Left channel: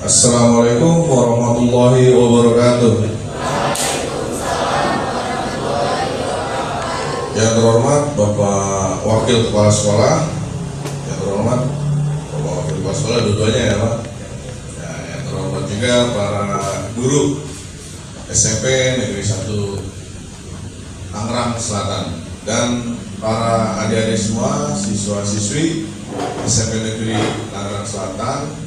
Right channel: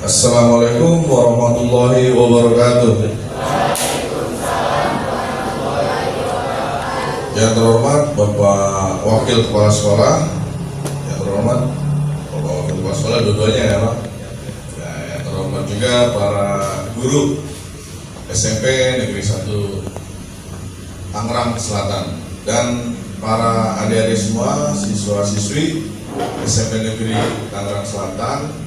Assalamualaikum warahmatullahi wabarakatuh. Yang terhormat Bapak Wakil Kepala Sekolah, yang terhormat Bapak Wakil Kepala Sekolah dua-duanya ya Pak. Nah, yang terhormat juga para guru SMP Negeri 1 Tangerang Selatan dan para adik-adik semua, siswa-siswi SMP Negeri Tangerang Selatan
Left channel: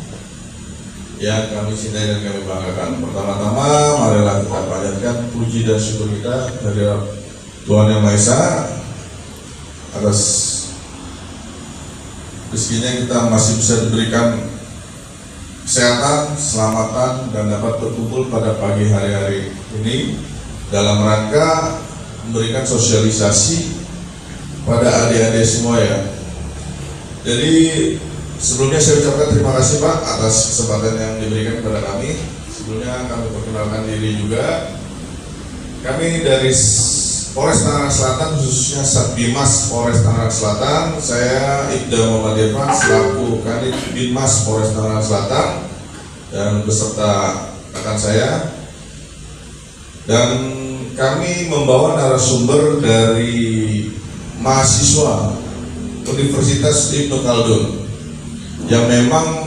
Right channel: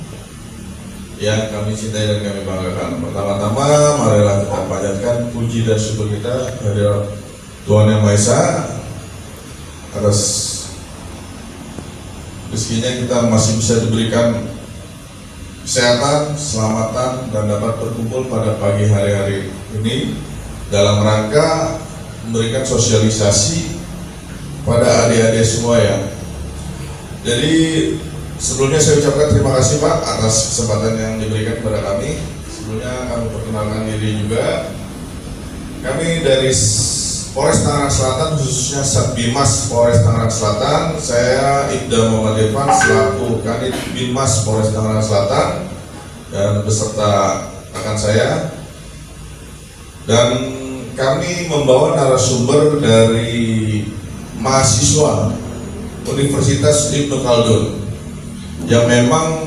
yang kami cintai dan kami banggakan. Pertama-tama, marilah kita panjatkan puji dan syukur kita kehadirat Tuhan Yang Maha Esa atas rezekinya kita masih bisa diberikan kesehatan, keselamatan, dan dapat berkumpul pada pagi hari-hari ini dalam rangka memberikan sosialisasi pada adik-adik semua ya. Jadi sebelumnya saya ucapkan terima kasih Pak atas kesempatan yang diberikan kepada kami. Sebelumnya kami perkenalkan diri juga. Kami dari Polres Tangerang Selatan, khususnya Satbimas Polres Tangerang Selatan. Saya Ibda Muhammad Irfan selaku Kanit Binmas Polres Tangerang Selatan dan beserta rekan saya. Dan kami membawa narasumber dari mahasiswa Universitas Ibnu Khaldun yang memang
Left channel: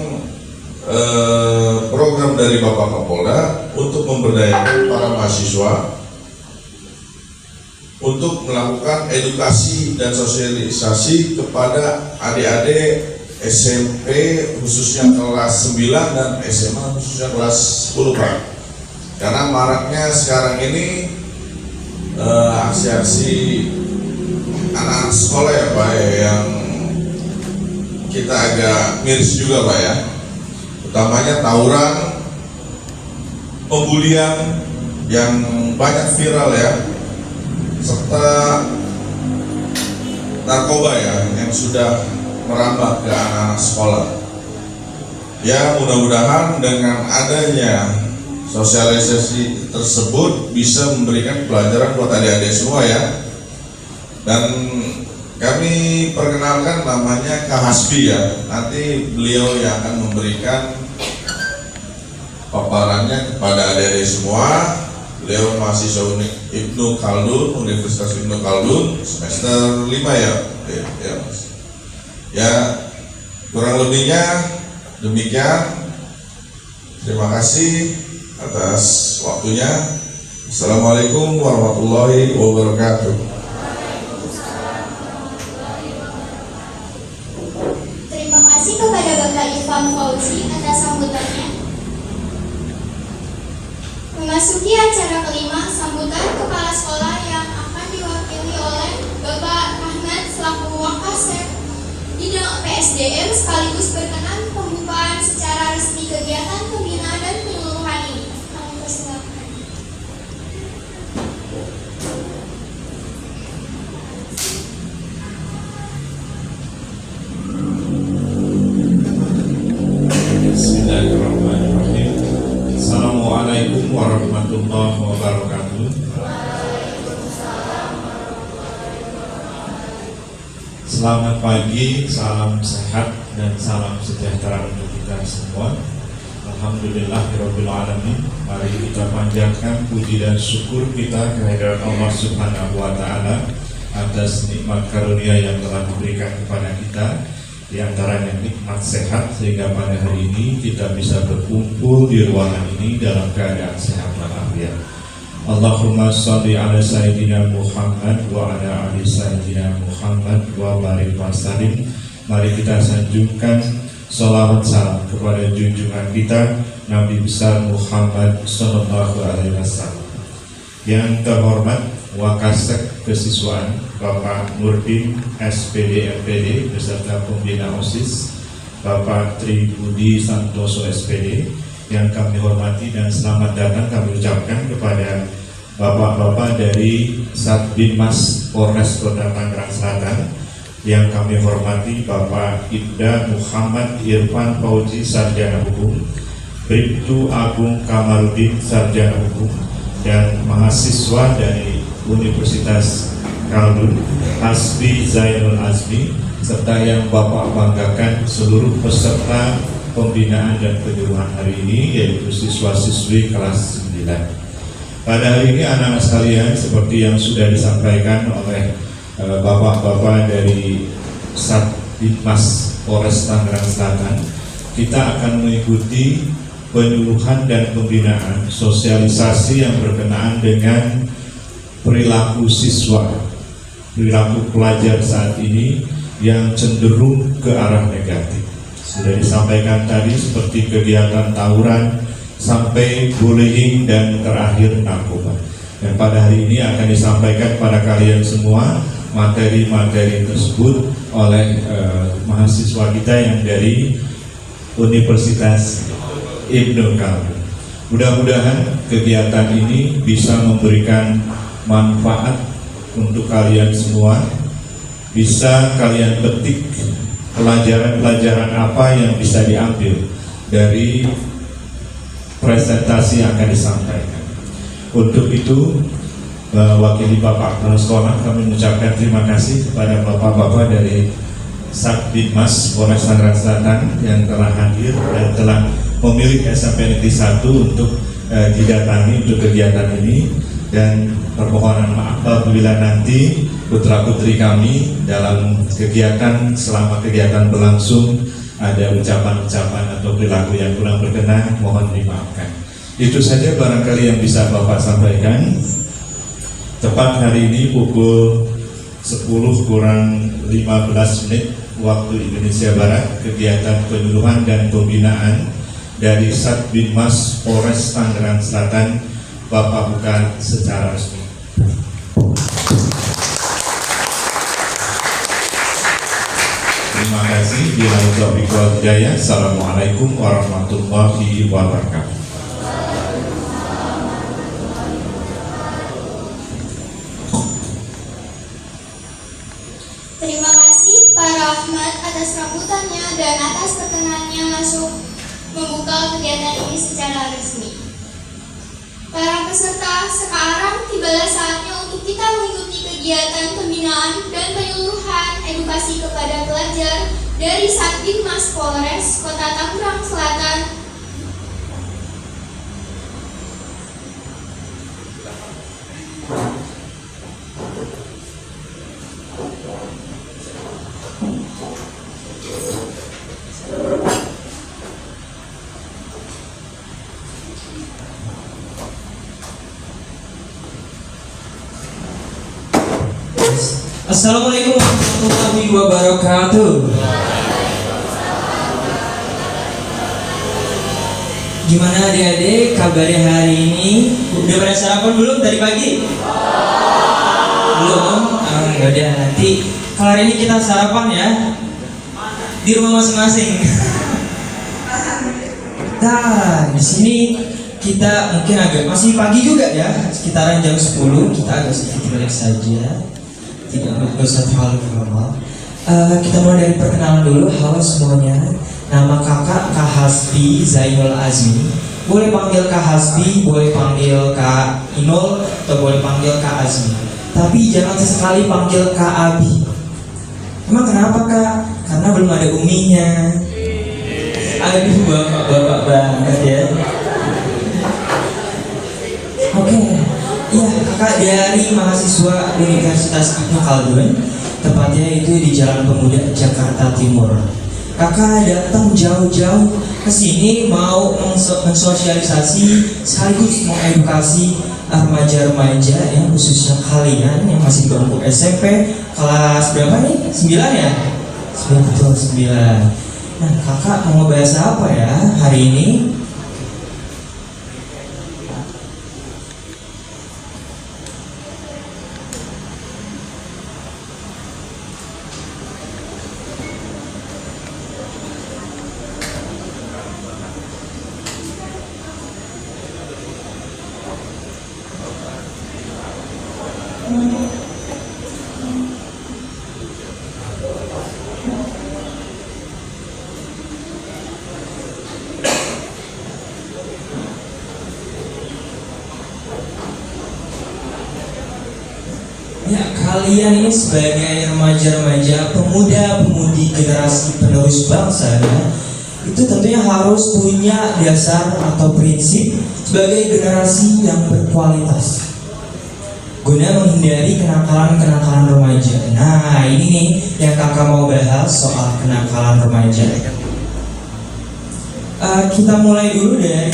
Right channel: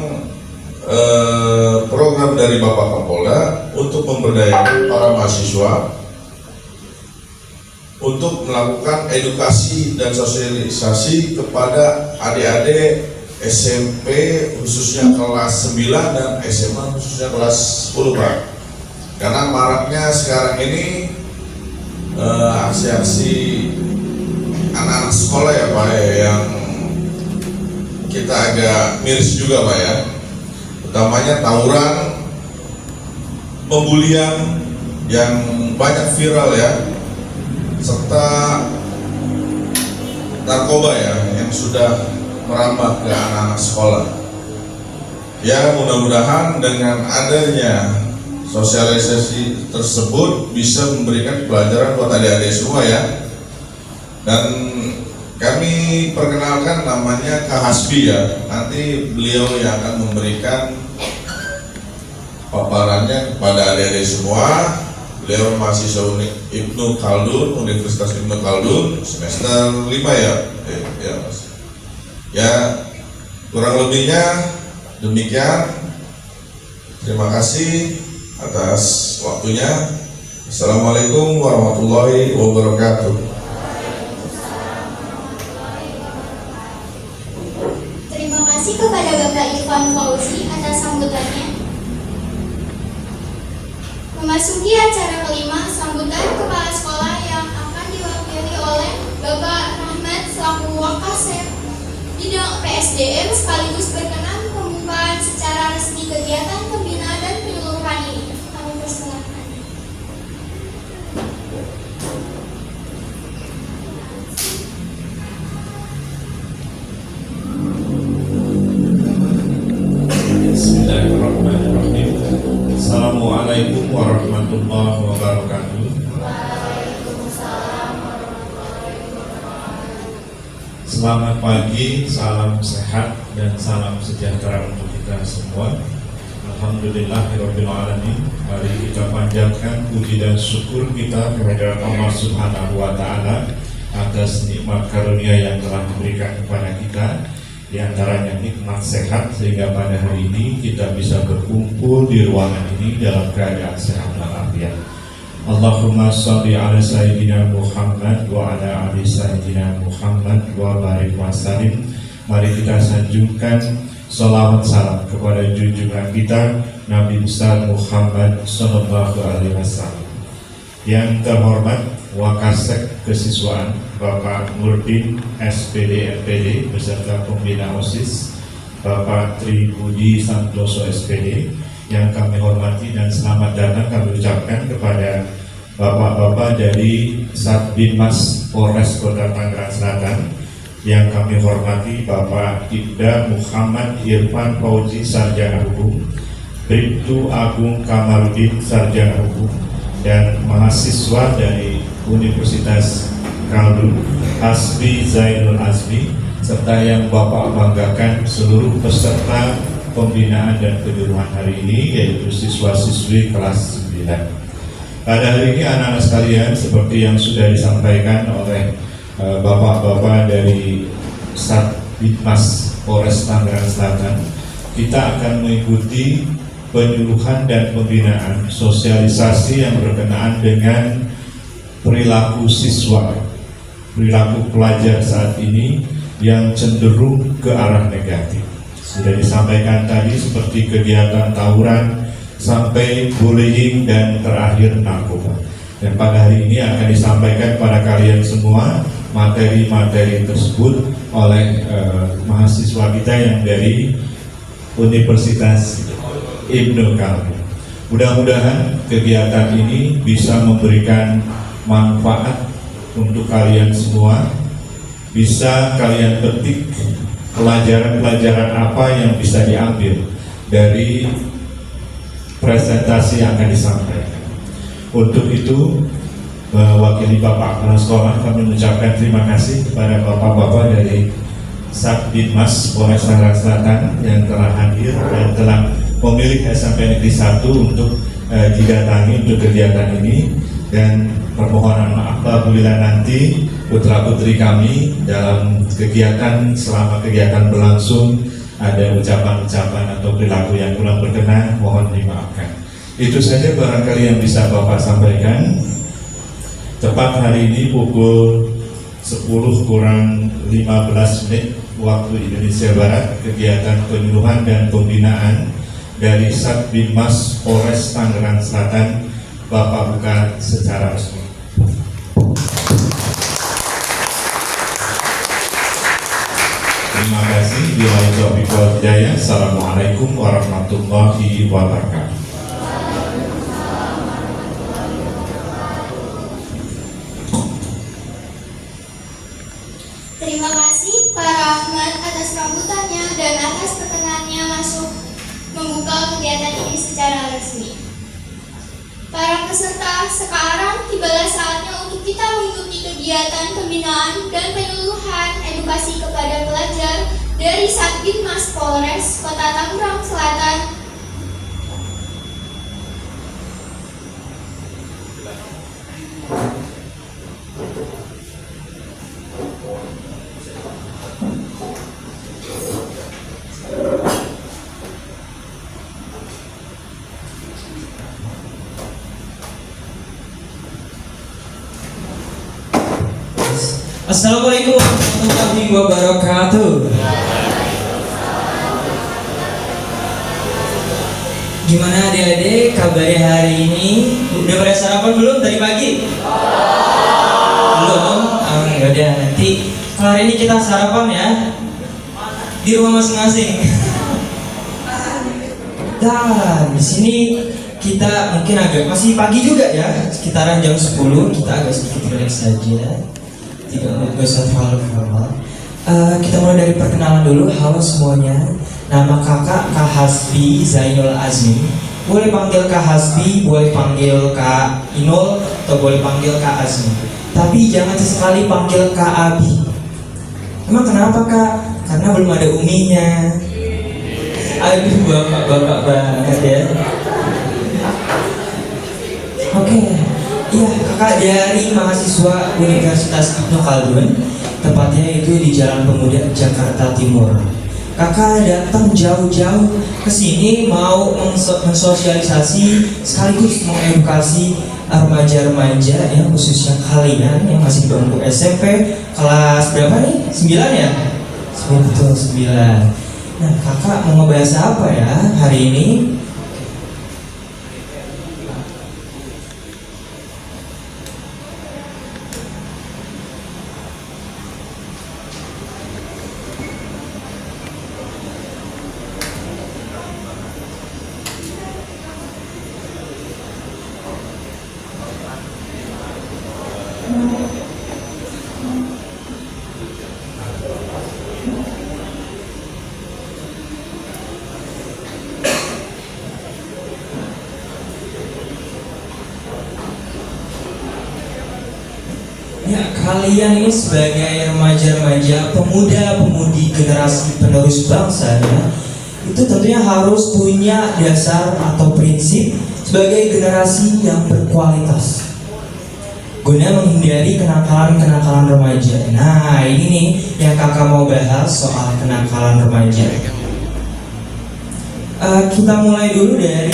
program dari Bapak Kapolda untuk memberdayakan para mahasiswa untuk melakukan edukasi dan sosialisasi kepada adik-adik SMP khususnya kelas 9 dan SMA khususnya kelas 10 Pak. Karena maraknya sekarang ini aksi-aksi anak-anak sekolah ya Pak ya, yang kita agak miris juga Pak ya. Utamanya tawuran, pembulian yang banyak viral ya, serta narkoba ya yang sudah merambah ke anak-anak sekolah. Ya mudah-mudahan dengan adanya sosialisasi tersebut bisa memberikan pelajaran buat adik-adik semua ya. Dan kami perkenalkan namanya Kak Hasbi ya. Nanti beliau yang akan memberikan paparannya kepada adik-adik semua. Beliau mahasiswa Ibnu Khaldun, Universitas Ibnu Khaldun semester 5 ya. Ya Mas. Ya kurang lebihnya demikian. Terima kasih atas waktunya. Assalamualaikum warahmatullahi wabarakatuh. Terima kasih kepada Bapak Irfan Fauzi atas sambutannya. Memasuki acara kelima, sambutan kepala sekolah yang akan diwakili oleh Bapak Rahmat selaku Wakasep bidang PSDM sekaligus berkenan pembukaan secara resmi kegiatan pembinaan dan penyeluruhan ini. Kami persilakan. Bismillahirrahmanirrahim. Assalamualaikum warahmatullahi wabarakatuh. Selamat pagi, salam sehat dan salam sejahtera untuk kita semua. Alhamdulillahirabbil alamin. Mari kita panjatkan puji dan syukur kita kehadirat Allah Subhanahu wa taala atas nikmat karunia yang telah memberikan kepada kita, di antaranya nikmat sehat sehingga pada hari ini kita bisa berkumpul di ruangan ini dalam keadaan sehat walafiat. Allahumma sholli ala sayyidina Muhammad wa ala ali sayyidina Muhammad wa barik wa salim. Mari kita sanjungkan sholawat salam kepada junjungan kita Nabi besar Muhammad sallallahu alaihi wasallam. Yang terhormat Wakasek Kesiswaan Bapak Nurdin SPD MPD beserta pembina OSIS, Bapak Tri Budi Santoso SPD, yang kami hormati dan selamat datang kami ucapkan kepada Bapak-bapak dari Satbimas Polres Kota Tangerang Selatan, yang kami hormati Bapak Ibda Muhammad Irfan Fauzi Sarjana Hukum, Bribtu Agung Kamarudin Sarjana Hukum, dan mahasiswa dari Universitas Khaldun Hasbi Zainul Azmi, serta yang Bapak banggakan seluruh peserta pembinaan dan penyuluhan hari ini, yaitu siswa-siswi kelas 9. Pada hari ini anak-anak sekalian, seperti yang sudah disampaikan oleh bapak-bapak dari Satbitmas Polres Tangerang Selatan, kita akan mengikuti penyuluhan dan pembinaan sosialisasi yang berkenaan dengan perilaku siswa, perilaku pelajar saat ini yang cenderung ke arah negatif. Sudah disampaikan tadi seperti kegiatan tawuran sampai bullying dan terakhir narkoba. Dan pada hari ini akan disampaikan pada kalian semua materi-materi tersebut oleh mahasiswa kita yang dari Universitas Ibnu Kamil. Mudah-mudahan kegiatan ini bisa memberikan manfaat untuk kalian semua, bisa kalian petik pelajaran-pelajaran apa yang bisa diambil dari presentasi yang akan disampaikan. Untuk itu, mewakili Bapak Kepala Sekolah, kami mengucapkan terima kasih kepada Bapak-Bapak dari Satbitmas Polres Tangerang Selatan yang telah hadir dan telah memilih SMP Negeri 1 untuk didatangi untuk kegiatan ini. Dan permohonan maaf apabila nanti putra-putri kami dalam kegiatan, selama kegiatan berlangsung, ada ucapan-ucapan atau perilaku yang kurang berkenan, mohon dimaafkan. Itu saja barangkali yang bisa Bapak sampaikan. Tepat hari ini pukul 10:15 waktu Indonesia Barat, kegiatan penyuluhan dan pembinaan dari Satbitmas Polres Tangerang Selatan Bapak buka secara resmi. Terima kasih. Billahi taufiq wal hidayah. Assalamualaikum warahmatullahi wabarakatuh. Terima kasih Pak Rahmat atas sambutannya dan atas perkenannya masuk membuka kegiatan ini secara resmi. Para peserta, sekarang tibalah saatnya untuk kita mengikuti kegiatan pembinaan dan penyuluhan edukasi kepada pelajar dari Satbitmas Polres Kota Tangerang Selatan. Assalamualaikum warahmatullahi wabarakatuh. Gimana adik-adik kabarnya hari ini? Udah pada sarapan belum tadi pagi? Belum? Udah, nanti kalau hari ini kita sarapan ya di rumah masing-masing. Nah, di sini kita mungkin masih pagi juga ya, sekitaran jam 10, kita agak sedikit relax saja. Tidak usah terlalu formal. Kita mulai dari perkenalan dulu. Halo semuanya, nama kakak Kak Hasbi Zainul Azmi. Boleh panggil Kak Hasbi, boleh panggil Kak Inul, atau boleh panggil Kak Azmi. Tapi jangan sesekali panggil Kak Abi. Emang kenapa Kak? Karena belum ada uminya. Aduh, bapak-bapak banget ya. Oke. Iya, kakak dari mahasiswa Universitas Ibnu Khaldun, tepatnya itu di Jalan Pemuda, Jakarta Timur. Kakak datang jauh-jauh ke sini mau mensosialisasi sekaligus mengedukasi remaja-remaja yang khususnya kalian yang masih di bangku SMP kelas berapa nih? 9 ya? 9. Nah, kakak mau ngebahas apa ya hari ini? Ya, kalian ini sebagai remaja-remaja, pemuda-pemudi generasi penerus bangsa ya, itu tentunya harus punya dasar atau prinsip sebagai generasi yang berkualitas guna menghindari kenakalan-kenakalan remaja. Nah, ini nih yang kakak mau bahas soal kenakalan remaja. Kita mulai dulu dari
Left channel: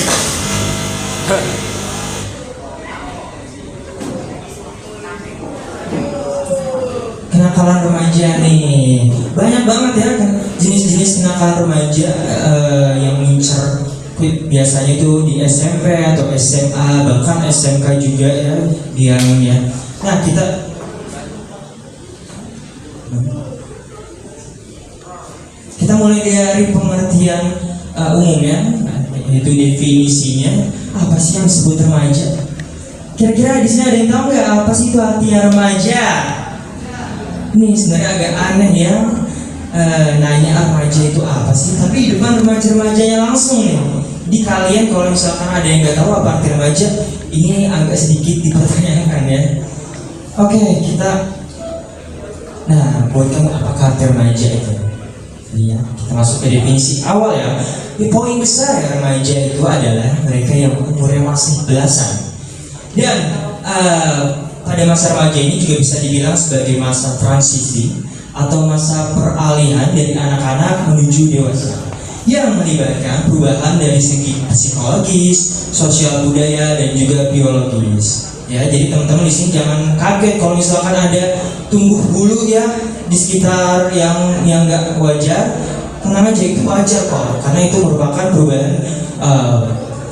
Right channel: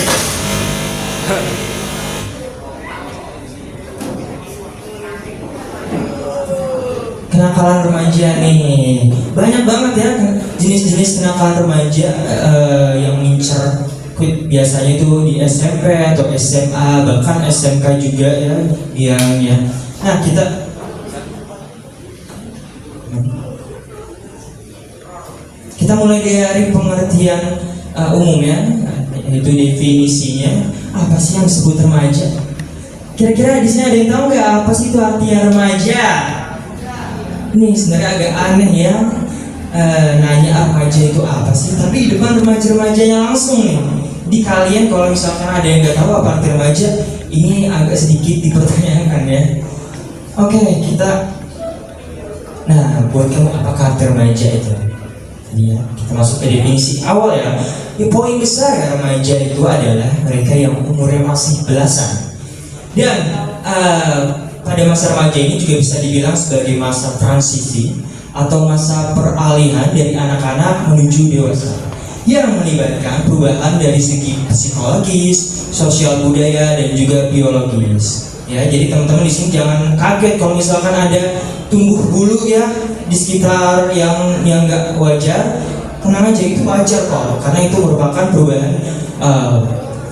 kenakalan remaja nih. Banyak banget ya jenis-jenis kenakalan remaja yang ngincer biasanya itu di SMP atau SMA, bahkan SMK juga ya bilangnya. Nah, kita mulai dari pengertian umumnya, yaitu definisinya. Apa sih yang disebut remaja? Kira-kira di sini ada yang tahu nggak apa sih itu artinya remaja? Ini sebenarnya agak aneh ya, nanya remaja itu apa sih? Tapi di depan remaja-remajanya langsung nih. Di kalian kalau misalkan ada yang nggak tahu apa arti remaja, ini agak sedikit dipertanyakan ya. Oke, nah buat kamu apakah arti remaja itu? Ya, kita masuk ke definisi awal ya. Di poin besar ya, remaja itu adalah mereka yang umurnya masih belasan. Dan pada masa remaja ini juga bisa dibilang sebagai masa transisi atau masa peralihan dari anak-anak menuju dewasa, yang melibatkan perubahan dari segi psikologis, sosial budaya, dan juga biologis. Ya, jadi teman-teman di sini jangan kaget kalau misalkan ada tumbuh bulu ya di sekitar yang nggak wajar. Tenang aja, itu wajar kok, karena itu merupakan perubahan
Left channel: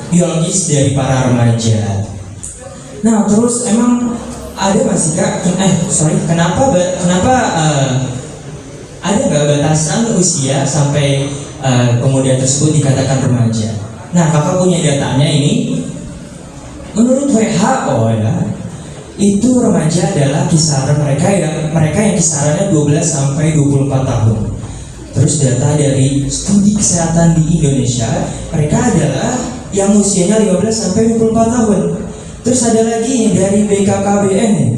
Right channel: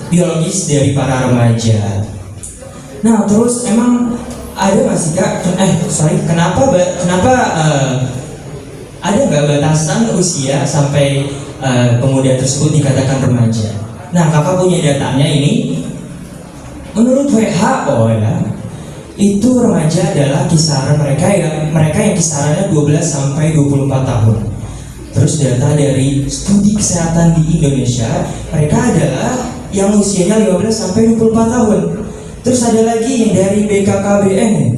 biologis dari para remaja. Nah, terus emang ada nggak sih kak? Kenapa ada nggak batasan usia sampai pemuda tersebut dikatakan remaja? Nah, kakak punya datanya ini. Menurut WHO ya, itu remaja adalah kisaran mereka yang kisarannya 12 sampai 24 tahun. Terus data dari studi kesehatan di Indonesia, mereka adalah yang usianya 15 sampai 24 tahun. Terus ada lagi yang dari BKKBN nih.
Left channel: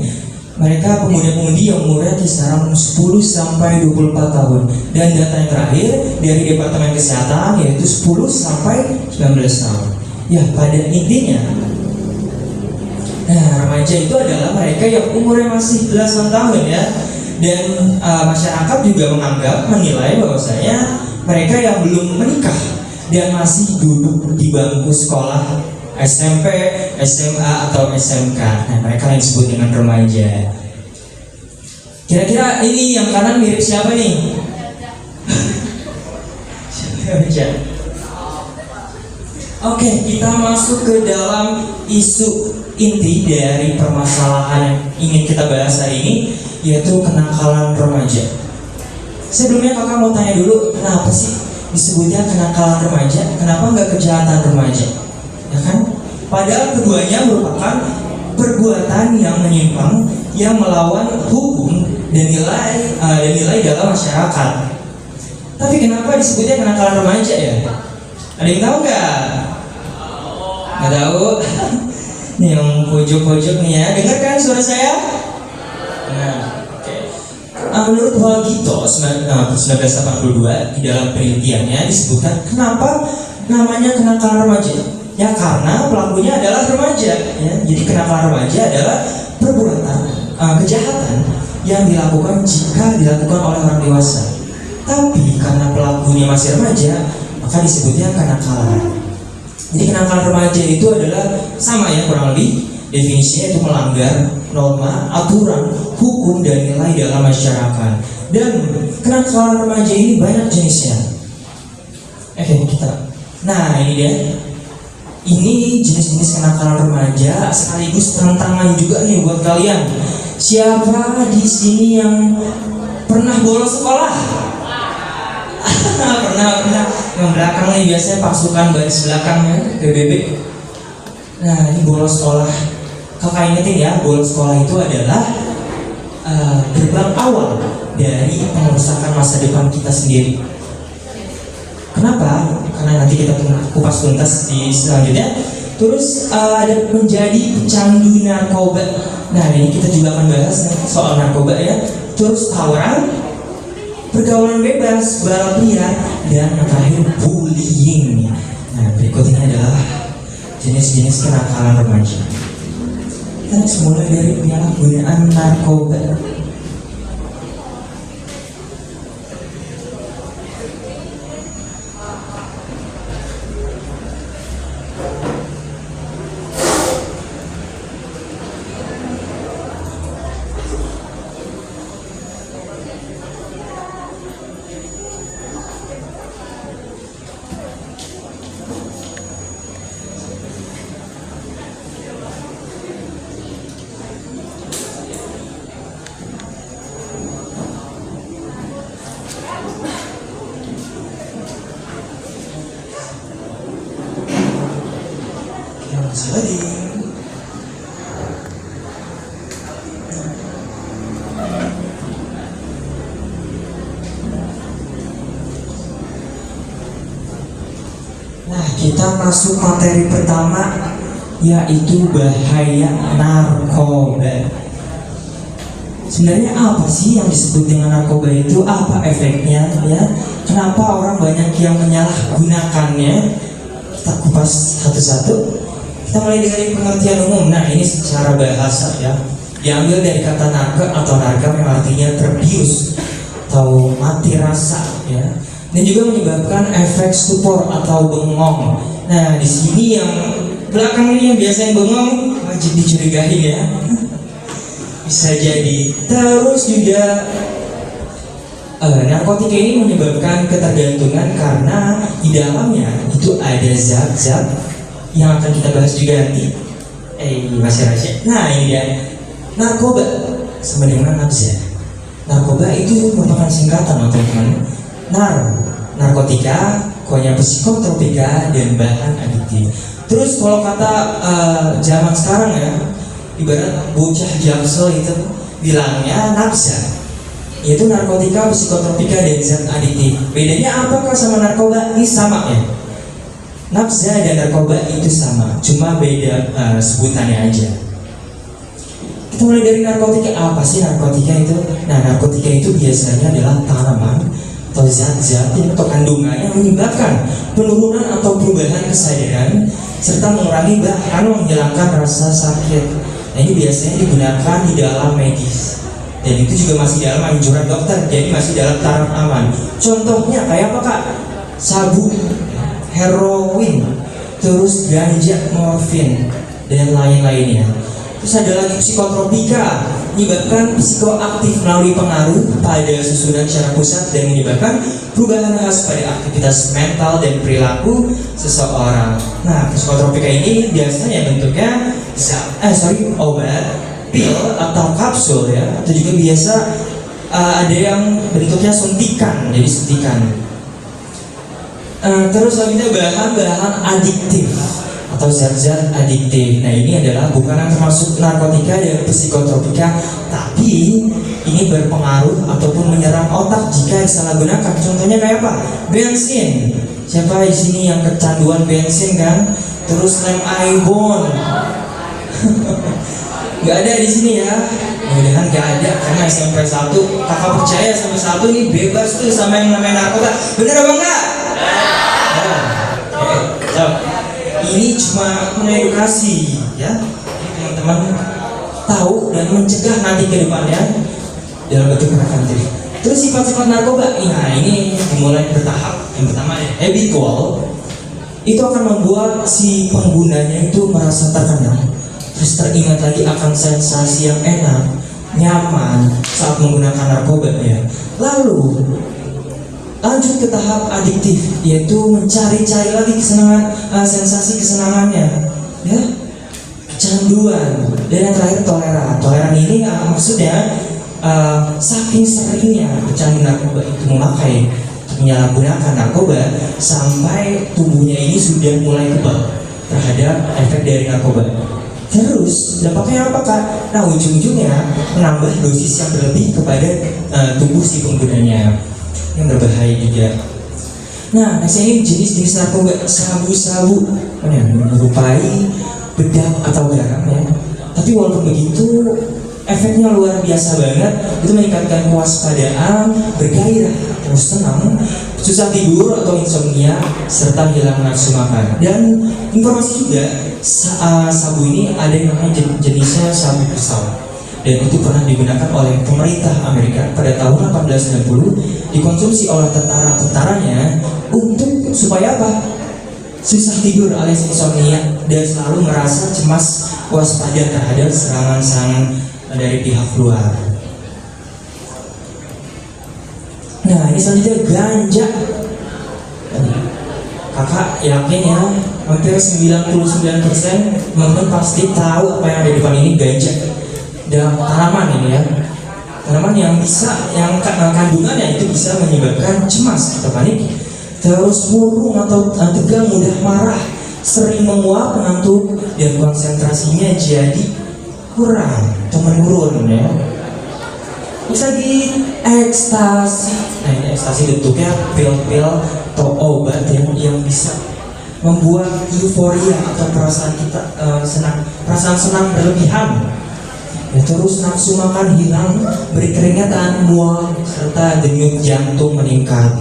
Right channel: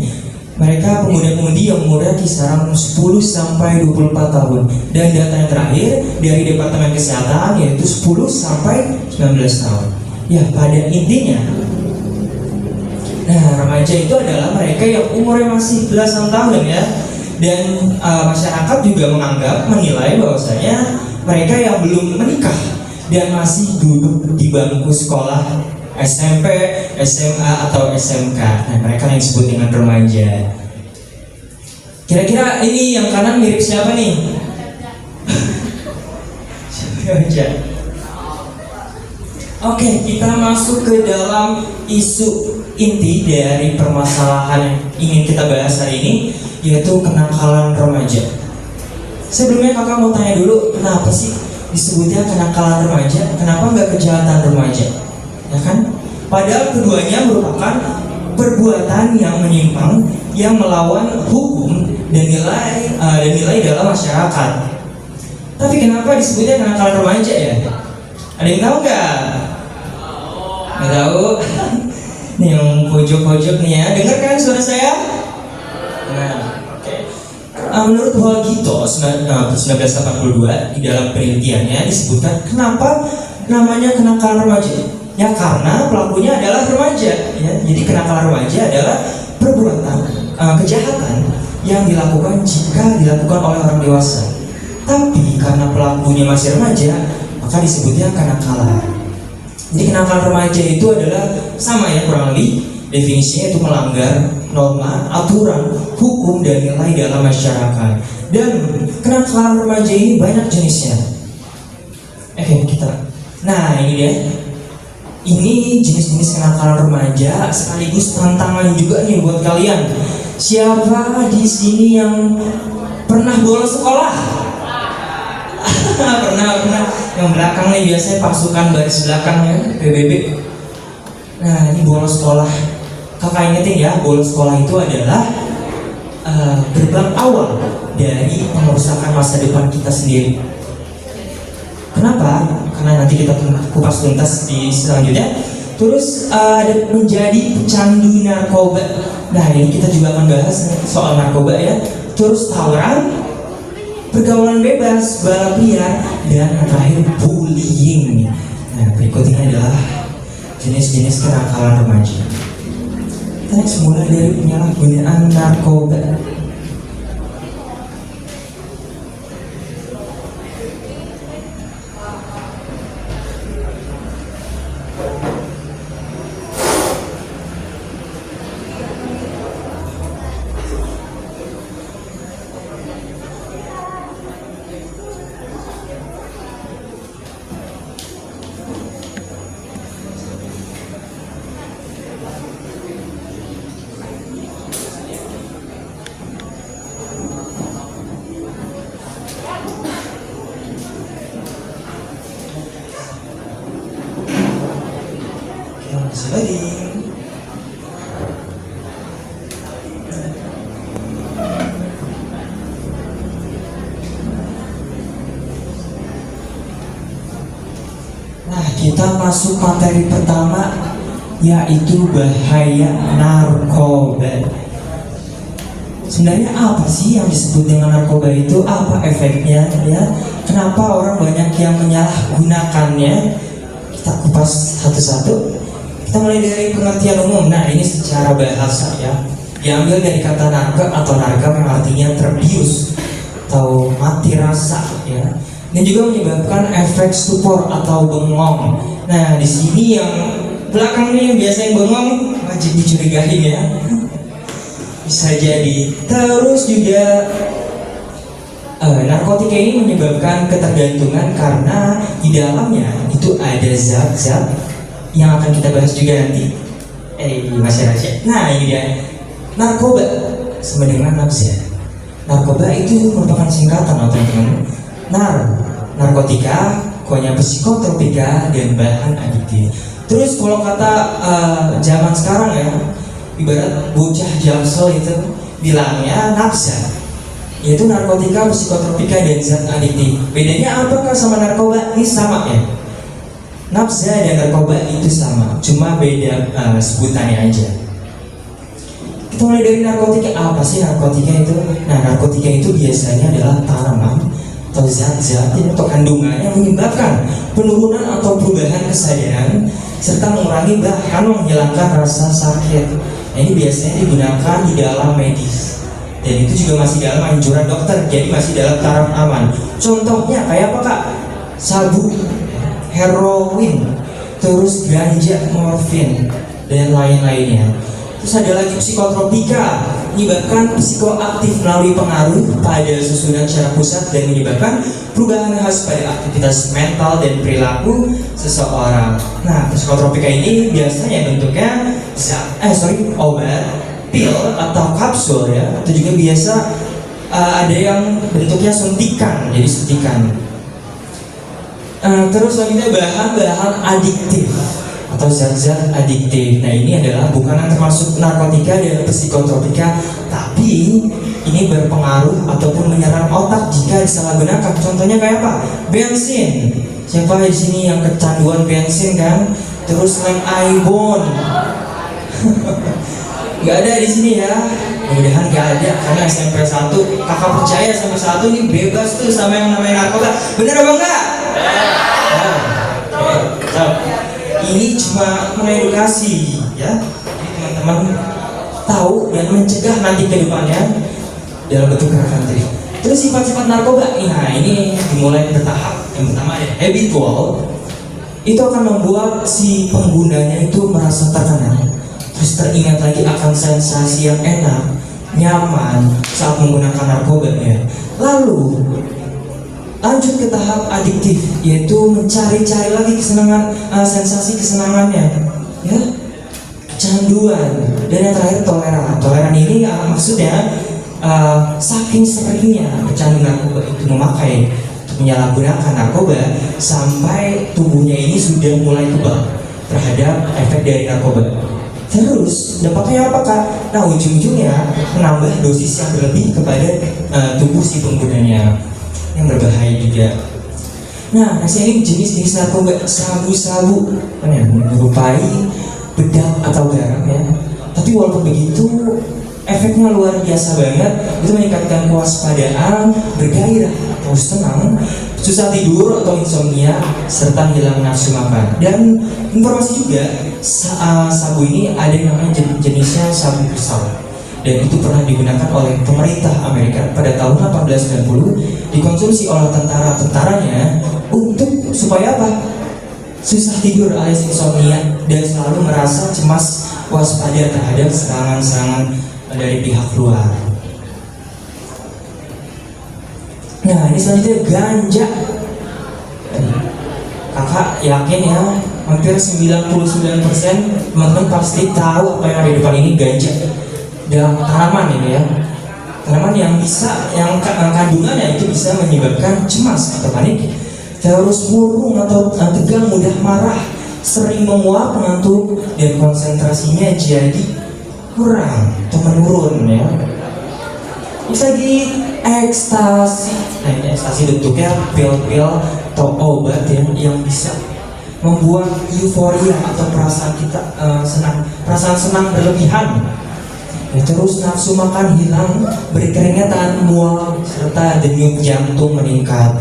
Mereka pemuda-pemudi yang umurnya kisaran 10 sampai 24 tahun. Dan data yang terakhir dari Departemen Kesehatan yaitu 10 sampai 19 tahun. Ya, pada intinya, nah, remaja itu adalah mereka yang umurnya masih belasan tahun ya. Dan masyarakat juga menilai bahwasanya mereka yang belum menikah dan masih duduk di bangku sekolah SMP, SMA atau SMK. Nah, mereka yang disebut dengan remaja. Kira-kira ini yang kanan mirip siapa nih? Remaja. Oke, kita masuk ke dalam isu inti dari permasalahan yang ingin kita bahas hari ini, yaitu kenakalan remaja. Sebelumnya kakak mau tanya dulu, kenapa sih disebutnya kenakalan remaja? Kenapa nggak kejahatan remaja? Ya kan? Padahal keduanya merupakan perbuatan yang menyimpang, yang melawan hukum dan nilai dalam masyarakat. Tapi kenapa disebutnya kenakalan remaja ya? Ada yang tahu nggak? Nggak tahu? Nih yang pojok-pojok nih ya, dengar kan suara saya? Ya, oke. Menurut Walgito 1982 di dalam penelitiannya disebutkan kenapa namanya kenakalan remaja. Ya karena pelakunya adalah remaja. Ya, jadi kenakalan remaja adalah perbuatan kejahatan yang dilakukan jika dilakukan oleh orang dewasa. Tapi karena pelakunya masih remaja, maka disebutnya kenakalan. Jadi kenakalan remaja itu adalah sama ya, kurang lebih definisinya itu melanggar norma, aturan, hukum dan nilai dalam masyarakat. Dan kenakalan remaja ini banyak jenisnya. Nah ini dia. Ini jenis-jenis kenakalan remaja sekaligus tantangan juga nih buat kalian. Siapa di sini yang pernah bolos sekolah? pernah. Yang belakang nih biasanya pasukan baris belakang ya, PBB. Nah, ini bolos sekolah. Kakak ingetin ya, bolos sekolah itu adalah gerbang awal dari pengerusakan masa depan kita sendiri. Kenapa? Karena nanti kita kupas tuntas di selanjutnya. Terus ada menjadi pecandu narkoba. Nah, ini kita juga akan bahas soal narkoba ya. Terus tawuran, pergaulan bebas, balap liar, dan yang terakhir bullying. Nah, berikutnya adalah jenis-jenis kenakalan remaja. Kita semula dari penyalahgunaan narkoba. Sekali. Nah, kita masuk materi pertama, yaitu bahaya narkoba. Sebenarnya apa sih yang disebut dengan narkoba itu? Apa efeknya ya? Kenapa orang banyak yang menyalahgunakannya? Kita kupas satu-satu. Kita mulai dari pengertian umum. Nah, ini secara bahasa ya, diambil dari kata naga atau nargam yang artinya terbius atau mati rasa ya. Dan juga menyebabkan efek stupor atau bengong. Nah, di sini yang belakang ini yang biasa yang bengong wajib dicurigain ya. Bisa jadi. Terus juga narkotika ini menyebabkan ketergantungan karena di dalamnya itu ada zat-zat yang akan kita bahas juga nanti. Masih rahasia. Nah, ini dia. Narkoba sama dengan nafsa. Narkoba itu merupakan singkatan teman-teman. Narkotika, konya psikotropika, dan bahan adiktif. Terus kalau kata zaman sekarang ya, ibarat bocah Jaksel itu bilangnya nafsa, yaitu narkotika, psikotropika, dan zat adiktif. Bedanya apakah sama narkoba? Ini sama ya. Nafsa dan narkoba itu sama, cuma beda sebutannya aja. Kita mulai dari narkotika. Apa sih narkotika itu? Nah, narkotika itu biasanya adalah tanaman atau zat-zat atau kandungan yang menyebabkan penurunan atau perubahan kesadaran serta mengurangi bahkan menghilangkan rasa sakit. Nah, ini biasanya digunakan di dalam medis dan itu juga masih dalam anjuran dokter, jadi masih dalam taraf aman. Contohnya kayak apa kak? Sabu, heroin, terus ganja, morfin, dan lain-lainnya. Terus ada lagi psikotropika, menyebabkan psikoaktif melalui pengaruh pada susunan syaraf pusat dan menyebabkan perubahan khas pada aktivitas mental dan perilaku seseorang. Nah, psikotropika ini biasanya bentuknya obat, pil atau kapsul ya, atau juga biasa ada yang bentuknya suntikan, jadi suntikan. Terus selanjutnya bahan-bahan adiktif atau zat-zat adiktif. Nah, ini adalah bukan yang termasuk narkotika dan psikotropika, tapi ini berpengaruh ataupun menyerang otak jika disalahgunakan. Contohnya kayak apa? Bensin. Siapa di sini yang kecanduan bensin kan? Terus lem ibon. Gak ada di sini ya. Mudah-mudahan gak ada karena SMP 1 kakak percaya sama satu nih bebas tuh sama yang namanya narkoba. Bener apa enggak? Ini cuma mengedukasi ya, jadi teman-teman tahu dan mencegah nanti ke depannya dalam bentuk gerakan jadi. Terus sifat-sifat narkoba, nah ini dimulai bertahap. Yang pertama habitual, itu akan membuat si penggunanya itu merasa terkenal, terus teringat lagi akan sensasi yang enak, nyaman saat menggunakan narkoba ya. Lalu lanjut ke tahap adiktif, yaitu mencari-cari lagi kesenangan, sensasi kesenangannya ya, kecanduan. Dan yang terakhir toleran ini maksudnya saking seringnya pecandu narkoba itu memakai atau menyalahgunakan narkoba sampai tubuhnya ini sudah mulai kebal terhadap efek dari narkoba. Terus dampaknya apakah? Nah, ujung-ujungnya menambah dosis yang berlebih kepada tubuh si penggunanya, yang berbahaya juga. Nah, next ini jenis-jenis narkoba. Sabu-sabu menyerupai bedak atau garam ya. Tapi walaupun begitu, efeknya luar biasa banget. Itu meningkatkan kewaspadaan, bergairah, terus tenang, susah tidur atau insomnia, serta hilang nafsu makan. Dan informasi juga, sabu ini ada yang namanya jenisnya sabu kristal, dan itu pernah digunakan oleh pemerintah Amerika pada tahun 1890, dikonsumsi oleh tentara-tentaranya untuk supaya apa? Susah tidur alias insomnia dan selalu merasa cemas, waspada terhadap serangan-serangan dari pihak luar. Nah, ini selanjutnya ganja. Kakak yakin ya, hampir 99% teman-teman pasti tahu apa yang ada di depan ini, ganja. Dan tanaman ini ya, tanaman yang bisa, yang kandungannya itu bisa menyebabkan cemas atau panik, terus murung atau tegang, mudah marah, sering menguap, mengantuk, dan konsentrasinya jadi kurang atau menurun ya. Bisa di ekstasi. Nah, ini ekstasi bentuknya pil-pil atau obat ya, yang bisa membuat euforia atau perasaan kita perasaan senang berlebihan. Ya, terus nafsu makan hilang, berkeringat, mual, serta denyut jantung meningkat.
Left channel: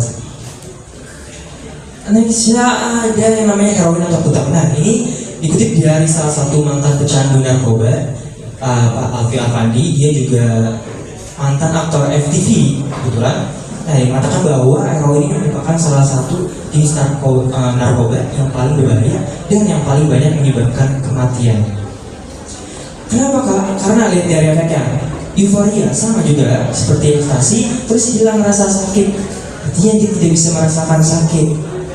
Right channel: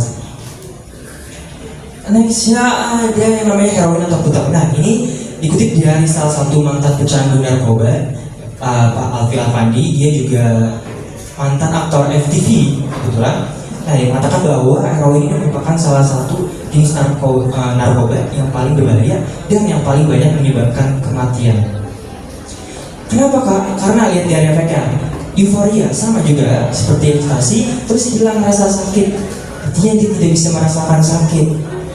Nextnya ada yang namanya heroin atau putar. Nah, ini dikutip dari salah satu mantan pecandu narkoba, Pak Alfi Afandi. Dia juga mantan aktor FTV kebetulan. Nah, yang mengatakan bahwa heroin ini merupakan salah satu jenis narkoba yang paling berbahaya dan yang paling banyak menyebabkan kematian. Kenapa Kak? Karena lihat dari efeknya, euforia sama juga seperti ekstasi, terus hilang rasa sakit. Artinya dia tidak bisa merasakan sakit,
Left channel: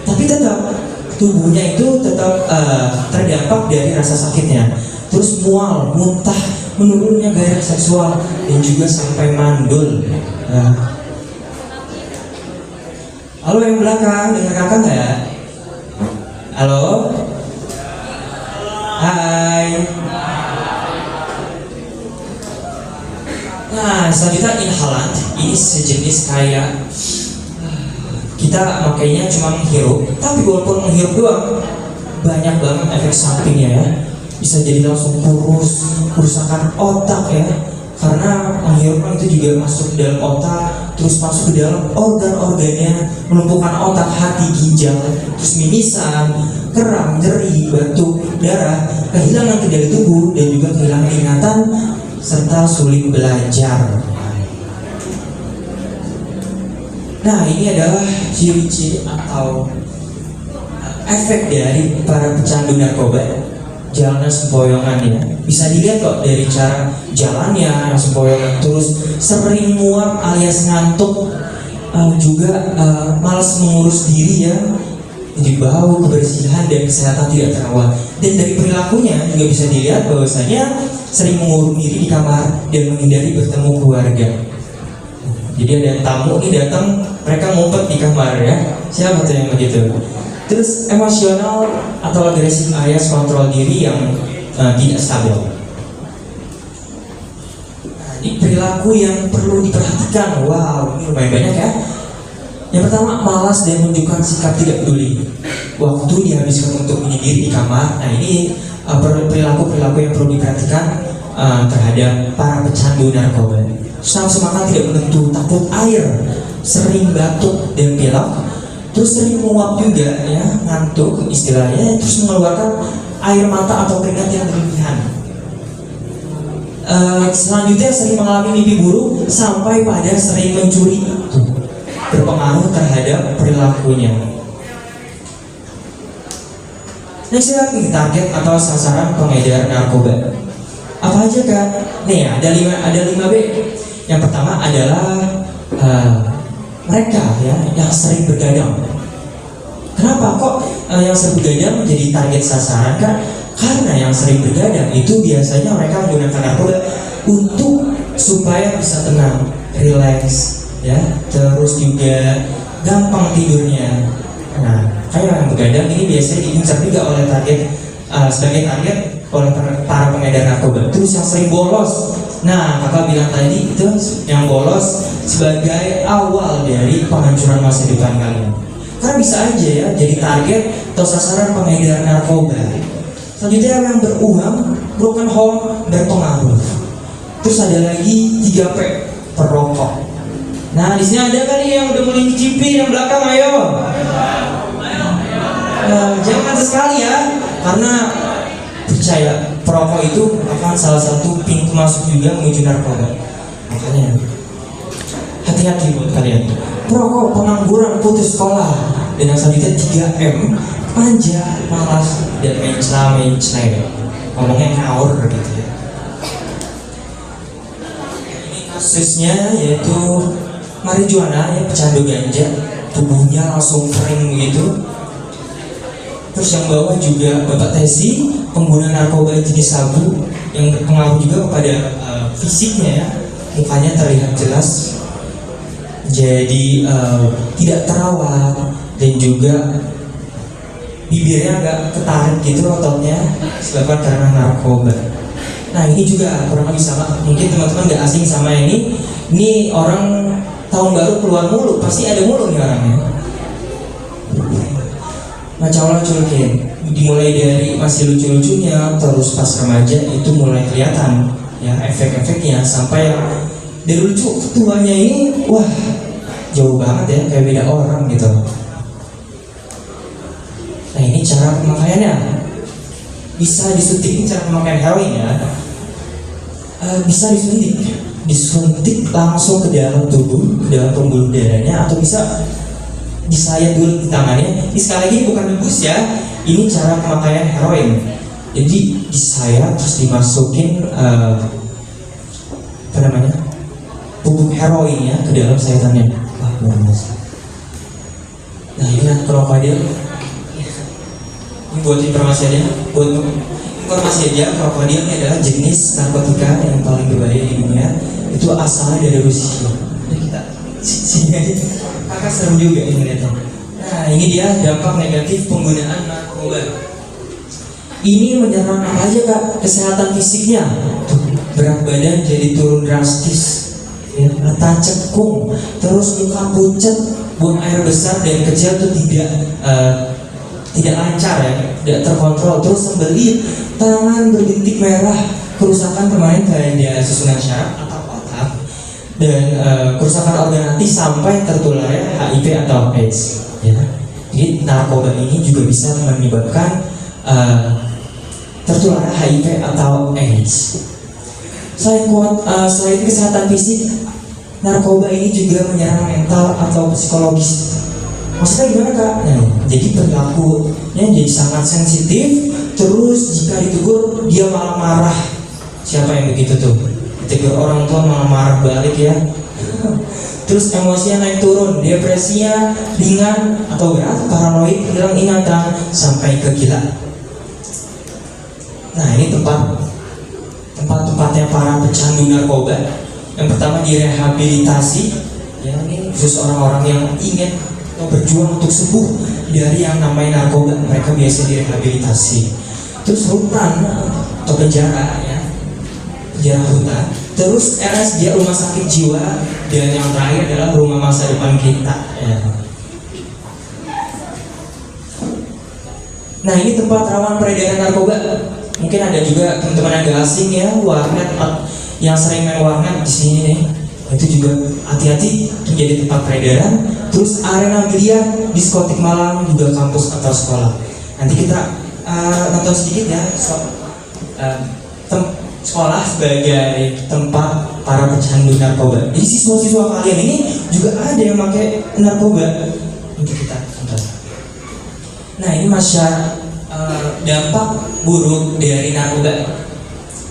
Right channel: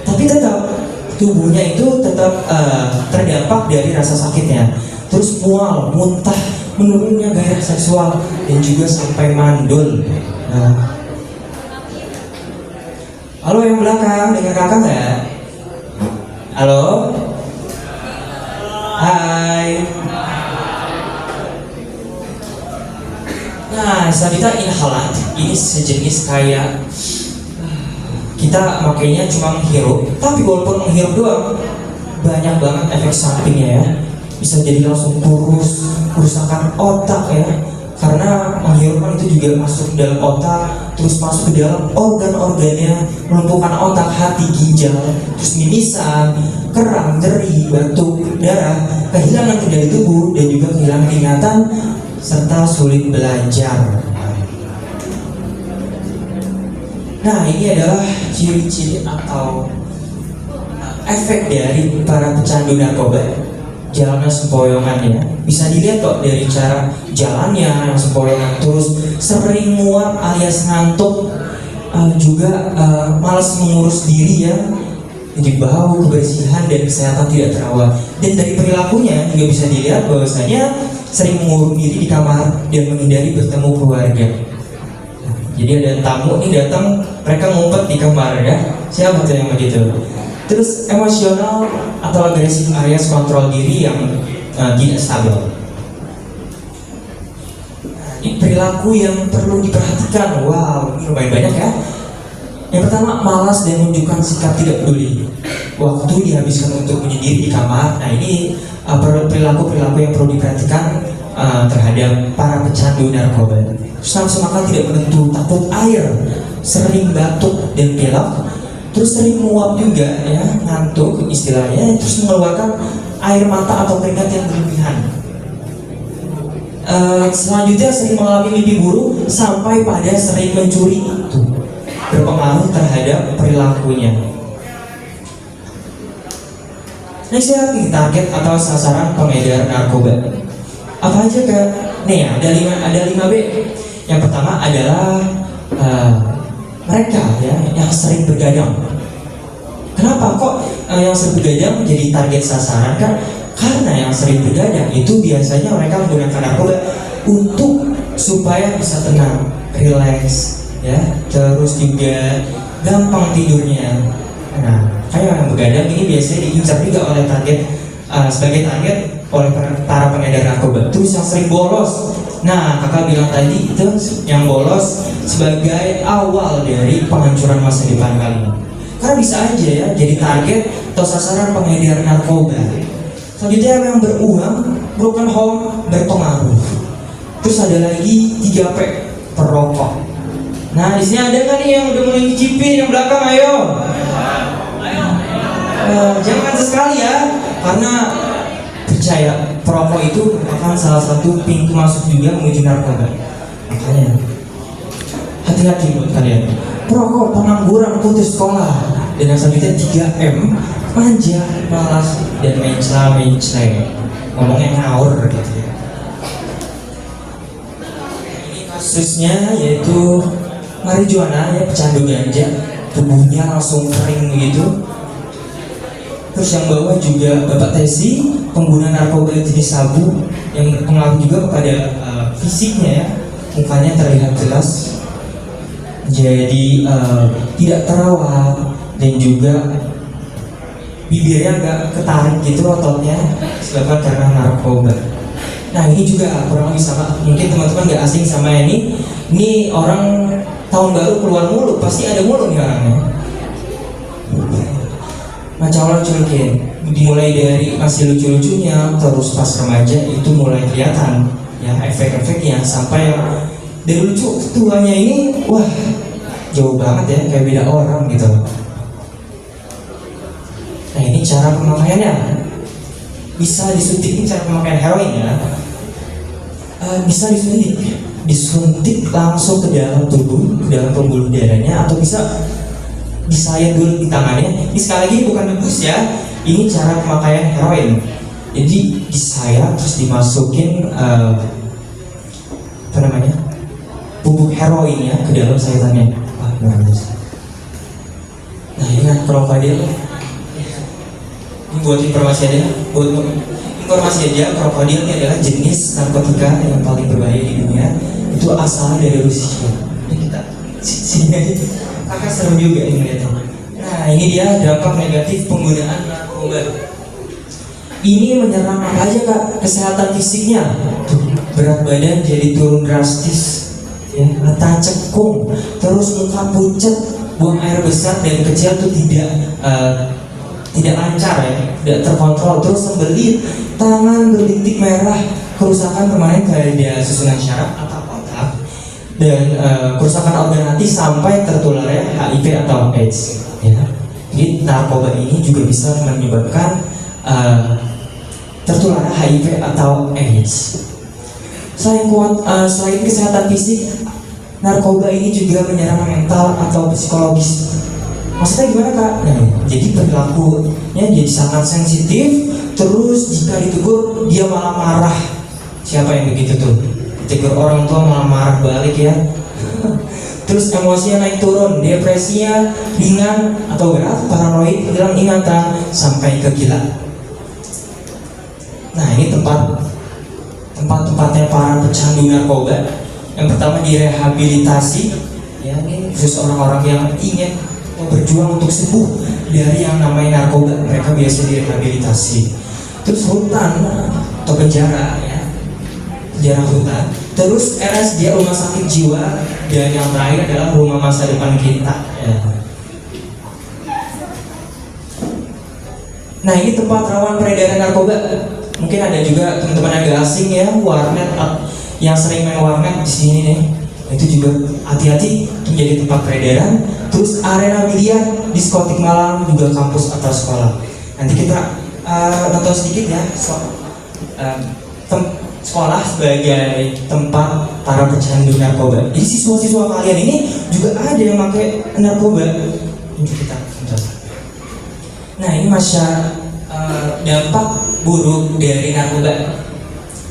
tapi tetap tubuhnya itu tetap terdampak dari rasa sakitnya. Terus mual, muntah, menurunnya gairah seksual, dan juga sampai mandul. Halo yang belakang, dengar kakak nggak? Halo? Hai. Nah, selanjutnya inhalant. Ini sejenis kayak kita makainya cuma menghirup, tapi walaupun menghirup doang, banyak banget efek sampingnya ya. Bisa jadi langsung kurus, kerusakan otak ya. Karena menghirup itu juga masuk ke dalam otak, terus masuk ke dalam organ-organnya, melumpuhkan otak, hati, ginjal, terus mimisan, kram, nyeri, batuk, darah, kehilangan kendali tubuh, dan juga kehilangan ingatan, serta sulit belajar. Nah, ini adalah ciri-ciri atau efek dari para pecandu narkoba. Jalannya sempoyongan ya, bisa dilihat kok dari cara jalannya yang sempoyongan, terus sering muak alias ngantuk, juga malas mengurus diri ya, jadi bau, kebersihan dan kesehatan tidak terawat. Dan dari perilakunya juga bisa dilihat bahwasanya sering mengurung diri di kamar dan menghindari bertemu keluarga. Jadi ada tamu nih datang, mereka ngumpet di kamar ya. Siapa tuh yang begitu? Terus emosional atau agresif alias kontrol diri yang tidak stabil. Ini perilaku yang perlu diperhatikan. Wow, ini lumayan banyak ya. Yang pertama, malas dan menunjukkan sikap tidak peduli. Waktu dihabiskan untuk menyendiri di kamar. Nah, ini perilaku-perilaku yang perlu diperhatikan terhadap para pecandu narkoba. Nafsu makan tidak menentu, takut air, sering batuk dan pilek, terus sering menguap juga ya, ngantuk istilahnya, terus mengeluarkan air mata atau keringat yang berlebihan. Selanjutnya sering mengalami mimpi buruk sampai pada sering mencuri, itu berpengaruh terhadap perilakunya. Next, target atau sasaran pengedar narkoba. Apa aja Kak? Nih ya, ada 5B. Yang pertama adalah mereka ya yang sering bergadang. Kenapa kok yang sering bergadang menjadi target sasaran Kak? Karena yang sering bergadang itu biasanya mereka menggunakan narkoba untuk supaya bisa tenang, relax ya, terus juga gampang tidurnya. Nah, kayak yang begadang ini biasanya diincar juga oleh sebagai target oleh para pengedar narkoba. Terus yang sering bolos. Nah, kakak bilang tadi itu yang bolos sebagai awal dari penghancuran masa depan kalian. Karena bisa aja ya jadi target atau sasaran pengedar narkoba. Selanjutnya yang beruang, broken home, berpengaruh. Terus ada lagi 3P, perokok. Nah di sini ada kali yang udah mulai nyicipin yang belakang, ayo. Jangan sesekali ya, karena percaya perokok itu merupakan salah satu pintu masuk juga menuju narkoba. Makanya hati-hati buat kalian. Perokok, pengangguran, putus sekolah, dan yang selanjutnya 3M, manja, malas, dan mencela. Ngomongnya ngawur gitu ya. Ini kasusnya yaitu marijuana ya, pecandu ganja, tubuhnya langsung kering begitu. Terus yang bawah juga Bapak Tesi, pengguna narkoba jenis sabu yang berpengaruh juga kepada fisiknya ya, mukanya terlihat jelas jadi tidak terawat dan juga bibirnya agak ketarik gitu ototnya disebabkan karena narkoba. Nah ini juga kurang lebih sama, mungkin teman-teman gak asing sama ini. Ini orang tahun baru keluar mulu, pasti ada mulu nih orangnya. Macam lucu-lucuin, dimulai dari masih lucu-lucunya, terus pas remaja itu mulai kelihatan ya efek-efeknya, sampai yang dari lucu tuanya ini, wah jauh banget ya, kayak beda orang gitu. Nah ini cara pemakaiannya, bisa disuntik. Ini cara pemakaian heroin ya, bisa disuntik langsung ke dalam tubuh, ke dalam pembuluh darahnya, atau bisa disayat dulu di tangannya. Ini sekali lagi bukan nebus ya, ini cara pemakaian heroin. Jadi disayat terus dimasukin bubuk heroinnya ke dalam sayatannya. Nah ini krokodil. Ini buat informasi aja, krokodil ini adalah jenis narkotika yang paling berbahaya di dunia. Itu asalnya dari Rusia. Ini kita sini aja. Kakak serem juga ini melihatnya. Nah ini dia dampak negatif penggunaan narkoba. Ini menyerang apa aja kak? Kesehatan fisiknya, berat badan jadi turun drastis, ya, letah cekung, terus muka pucat, buang air besar dan kecil tuh tidak lancar ya, tidak terkontrol, terus sembelit, tangan berbintik merah, kerusakan permanen pada susunan syaraf atau otak, dan kerusakan organ hati sampai tertularnya HIV atau AIDS. Ya. Jadi narkoba ini juga bisa menyebabkan tertular HIV atau AIDS. Selain kesehatan fisik, narkoba ini juga menyerang mental atau psikologis. Maksudnya gimana kak? Nah, jadi perilakunya jadi sangat sensitif. Terus jika ditegur dia malah marah. Siapa yang begitu tuh? Ditegur orang tua malah marah balik ya. Terus emosinya naik turun, depresinya ringan atau berat, paranoid, hilang ingatan sampai ke gila. Nah ini tempat-tempatnya para pecandu narkoba. Yang pertama direhabilitasi, ya ini khusus orang-orang yang ingin atau berjuang untuk sembuh dari yang namanya narkoba. Mereka biasa direhabilitasi. Terus hutan atau penjara, ya, penjara hutan. Terus RSJ, rumah sakit jiwa, dan yang terakhir adalah rumah masa depan kita. Ya. Nah ini tempat rawan peredaran narkoba. Mungkin ada juga teman-teman yang gak asing ya, warnet yang sering main warnet di sini nih. Itu juga hati-hati menjadi tempat peredaran. Terus arena biliar, diskotik malam, juga kampus atau sekolah. Nanti kita nonton sedikit ya sekolah sebagai tempat para pecandu narkoba. Jadi siswa-siswa kalian ini juga ada yang pakai narkoba. Untuk kita tonton. Nah ini dampak buruk dari narkoba.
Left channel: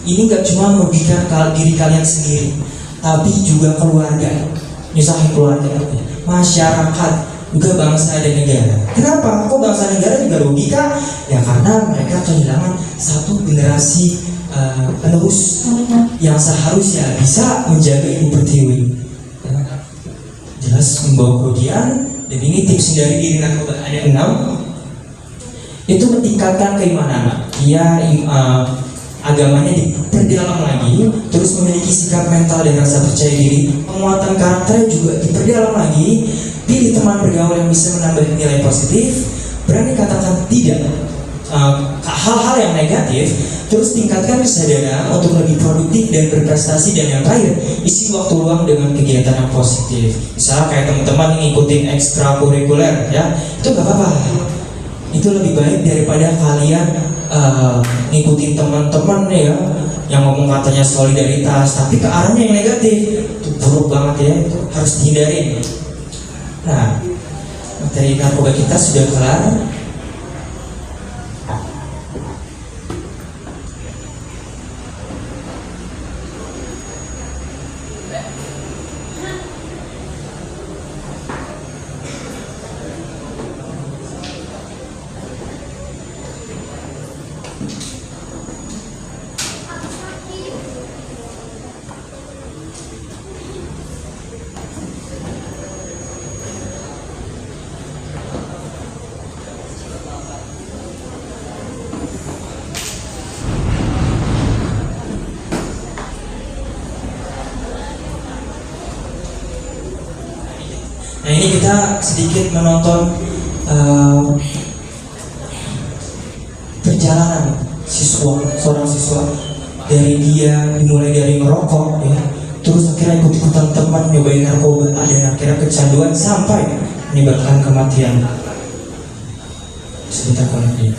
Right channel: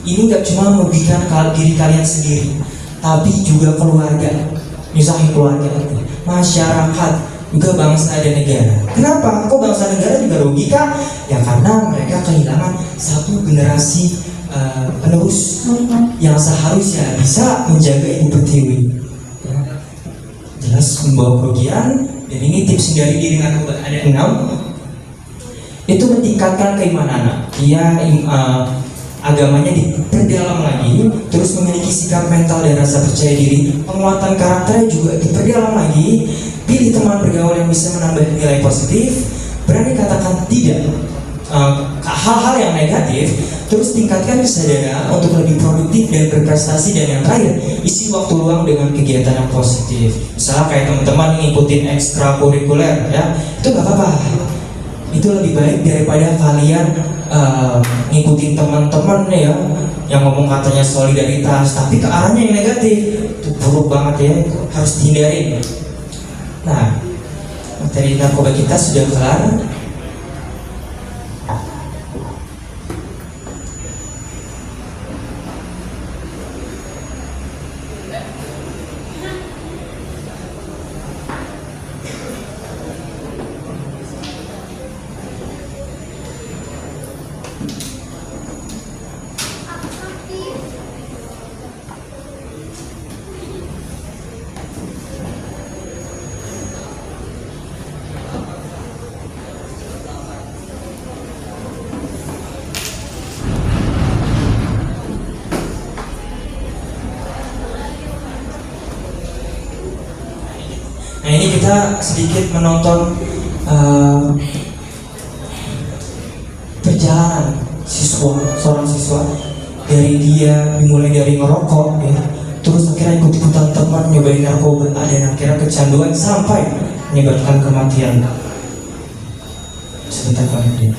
Ini gak cuma merugikan diri kalian sendiri, tapi juga keluarga, nyusahin keluarga, masyarakat, juga bangsa dan negara. Kenapa? Kok bangsa dan negara juga rugi kak? Ya karena mereka kehilangan satu generasi penerus yang seharusnya bisa menjaga ibu pertiwi. Jelas membawa kerugian. Dan ini tips dari diri narkoba ada 6. Itu meningkatkan keimanan. Dia agamanya diperdalam lagi, terus memiliki sikap mental dan rasa percaya diri. Penguatan karakternya juga diperdalam lagi. Pilih teman bergaul yang bisa menambah nilai positif. Berani katakan tidak hal-hal yang negatif, terus tingkatkan kesadaran untuk lebih produktif dan berprestasi, dan yang terakhir isi waktu luang dengan kegiatan yang positif. Misalnya kayak teman-teman ngikutin ekstrakurikuler ya, itu nggak apa-apa, itu lebih baik daripada kalian ngikutin teman-teman ya yang ngomong katanya solidaritas tapi ke arahnya yang negatif. Itu buruk banget ya, itu harus dihindari. Nah, materi narkoba kita sudah kelar. Nah, ini kita sedikit menonton perjalanan seorang siswa dari dia dimulai dari ngerokok ya, terus akhirnya ikut-ikutan teman nyobain narkoba dan akhirnya kecanduan sampai menyebabkan kematian. Sebentar kemudian.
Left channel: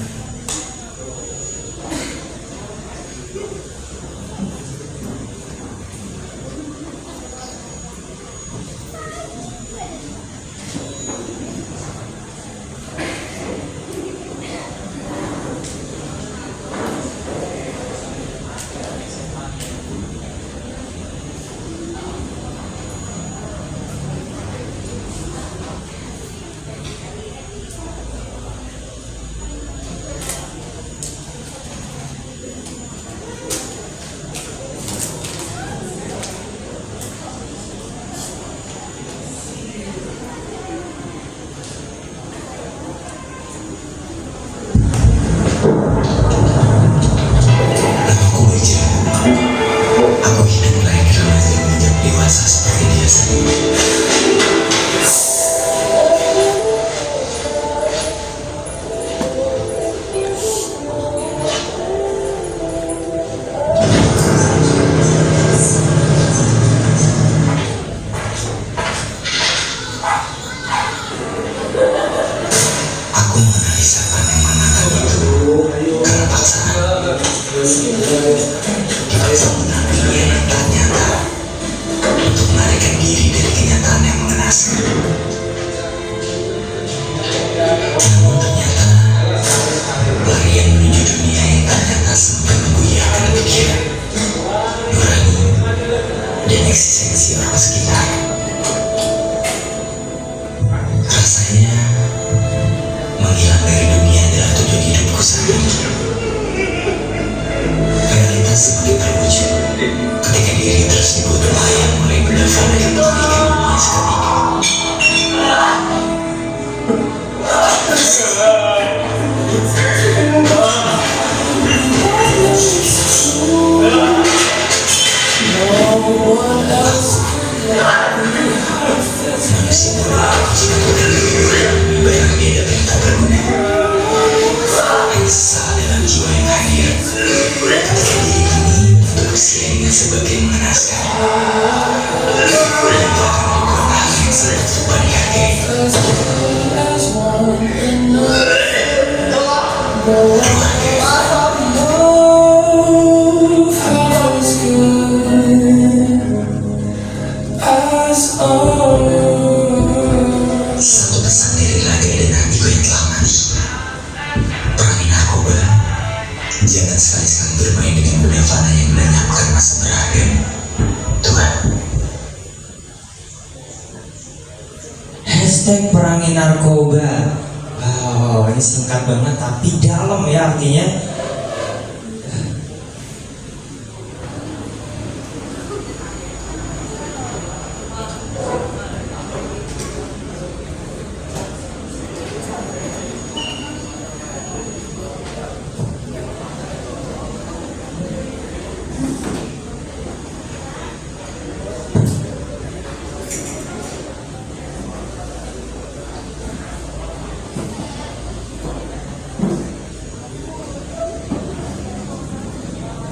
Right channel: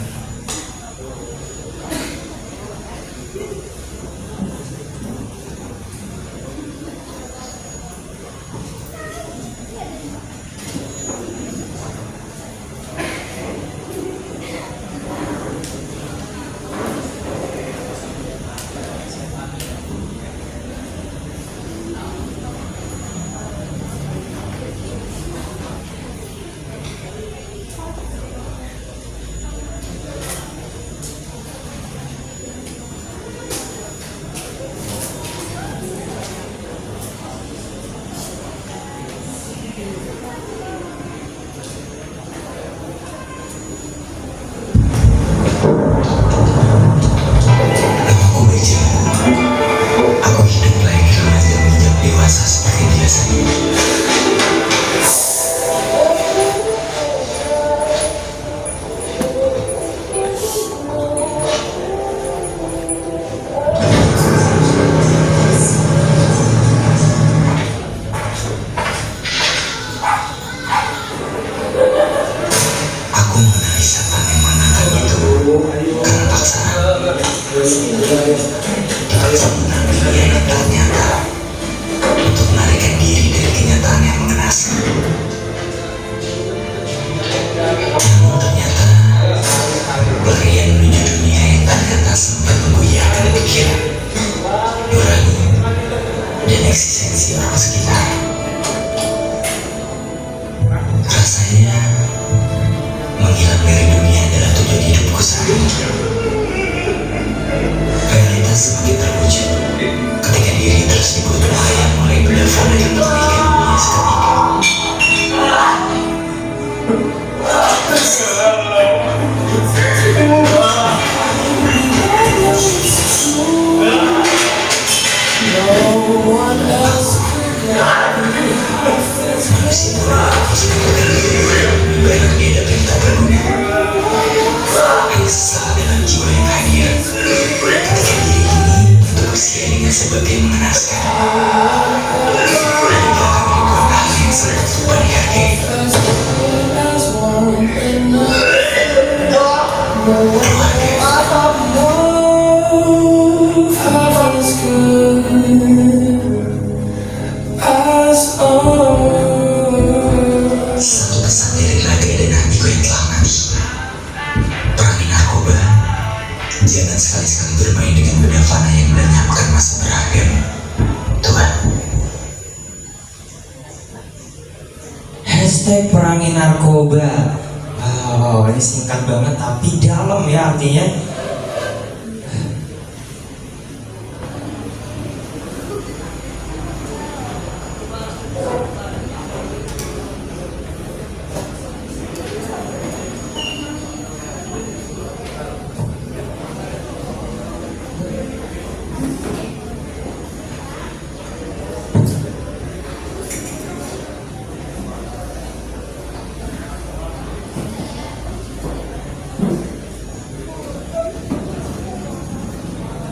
Perangi narkoba. Wow, ini singkat banget tapi dalam ya artinya.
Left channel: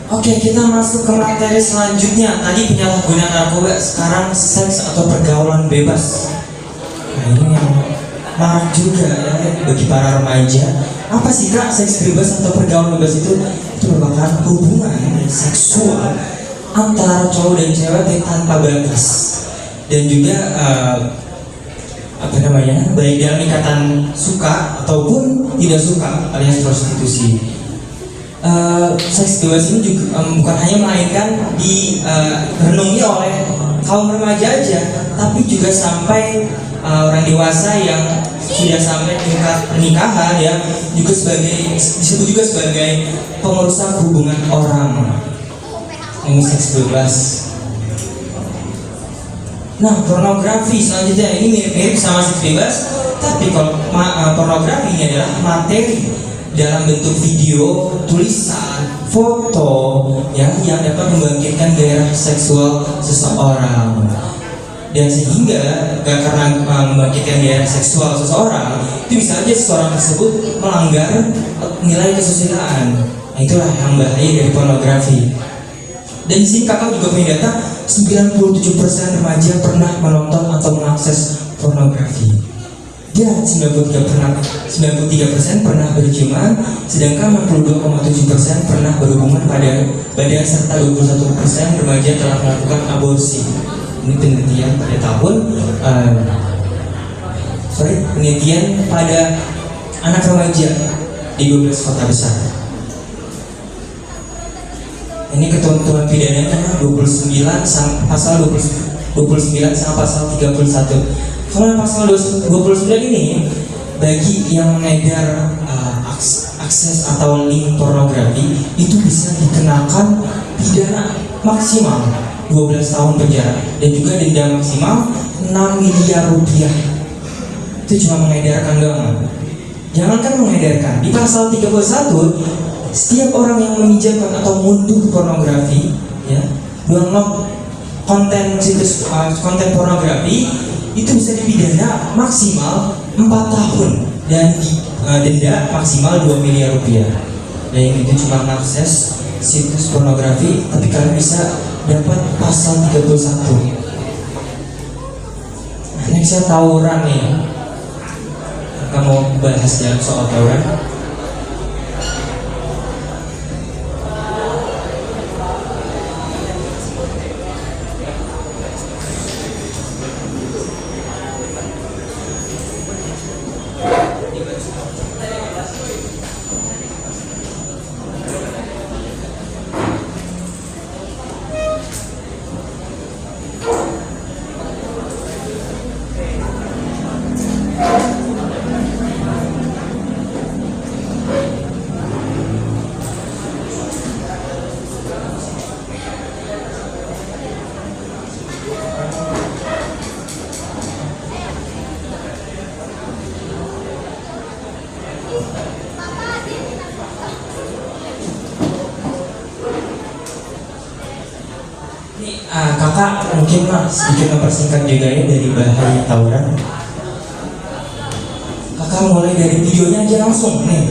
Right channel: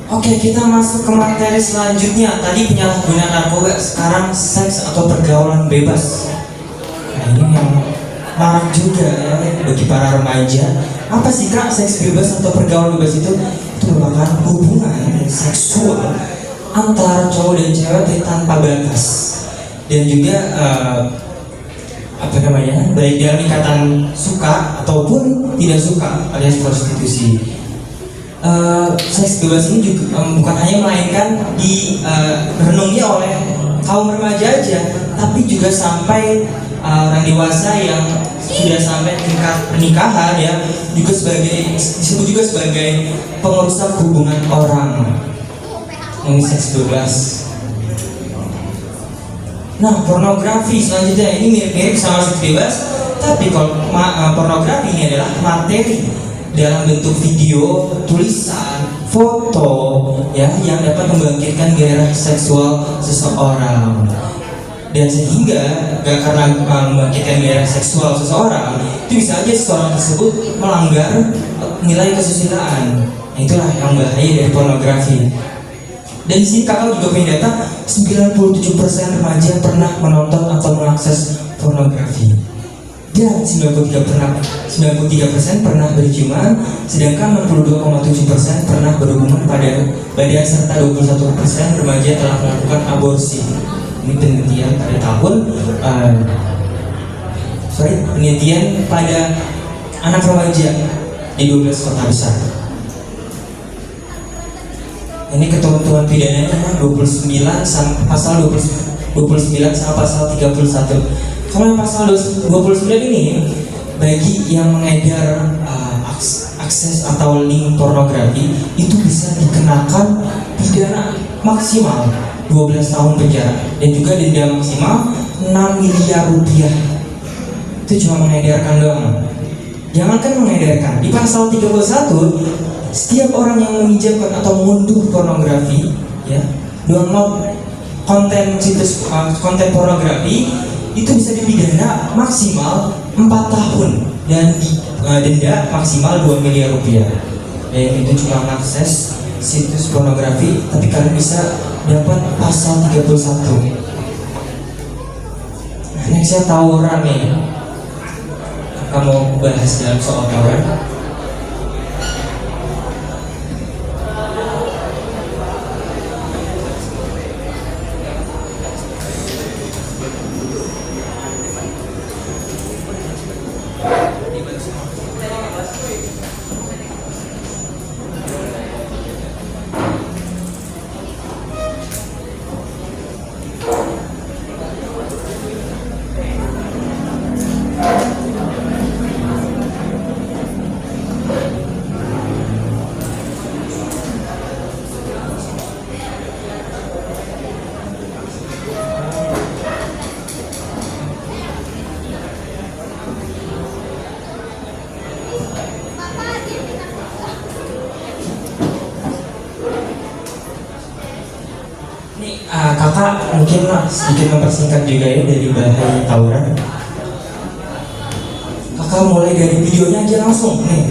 Oke, kita masuk ke materi selanjutnya. Tadi penyalahgunaan narkoba, sekarang seks atau pergaulan bebas. Nah, ini yang marak juga ya bagi para remaja. Apa sih kak seks bebas atau pergaulan bebas itu? Itu merupakan hubungan seksual antara cowok dan cewek tanpa batas dan juga baik dalam ikatan suka ataupun tidak suka alias prostitusi. Seks bebas ini juga bukan hanya melainkan direnungi oleh kaum remaja aja, tapi juga sampai orang dewasa yang sudah sampai tingkat pernikahan ya, juga disebut juga sebagai pengerusak hubungan orang. Ini seks bebas. Nah, pornografi selanjutnya ini mirip-mirip sama seks bebas, tapi kalau pornografi ini adalah materi dalam bentuk video, tulisan, foto ya yang dapat membangkitkan gairah seksual seseorang. Dan sehingga karena membangkitkan gairah seksual seseorang, itu bisa aja seseorang tersebut melanggar nilai kesusilaan. Nah, itulah yang bahaya dari pornografi. Dan di sini kakak juga punya data 97% remaja pernah menonton atau mengakses pornografi. Dan 93% pernah berciuman, sedangkan 62,7% pernah berhubungan pada badan serta 21% remaja telah melakukan aborsi. Ini penelitian pada anak remaja di 12 kota besar. Ini ketentuan pidananya 29 sama pasal 29 sama pasal 31. Kalau yang pasal 29 ini bagi yang mengedar akses atau link pornografi itu bisa dikenakan pidana maksimal 12 tahun penjara dan juga denda maksimal 6 miliar rupiah. Itu cuma mengedarkan doang. Jangankan mengedarkan, di pasal 31 setiap orang yang meminjamkan atau mengunduh pornografi ya, download konten pornografi itu bisa dipidana maksimal 4 tahun dan denda maksimal 2 miliar rupiah. Dan itu cuma mengakses situs pornografi, tapi kalian bisa dapat pasal 31. Nextnya tawuran nih. Kamu bahas dalam soal tawuran. Kakak mungkin sedikit mempersingkat juga ya dari bahaya tawuran. Kakak mulai dari videonya aja langsung nih.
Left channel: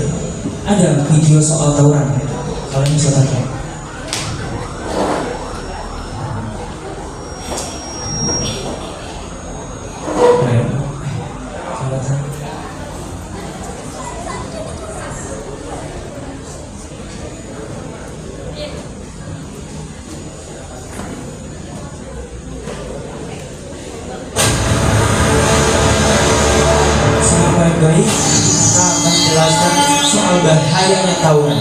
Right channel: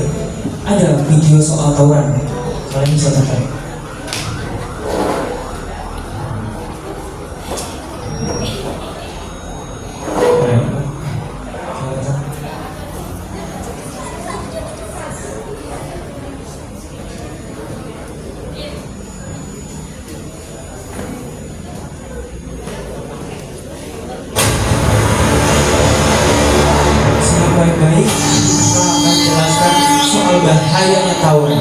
Ada video soal tawuran. Kalian bisa tonton. Baik, kita akan jelaskan soal bahayanya tawuran.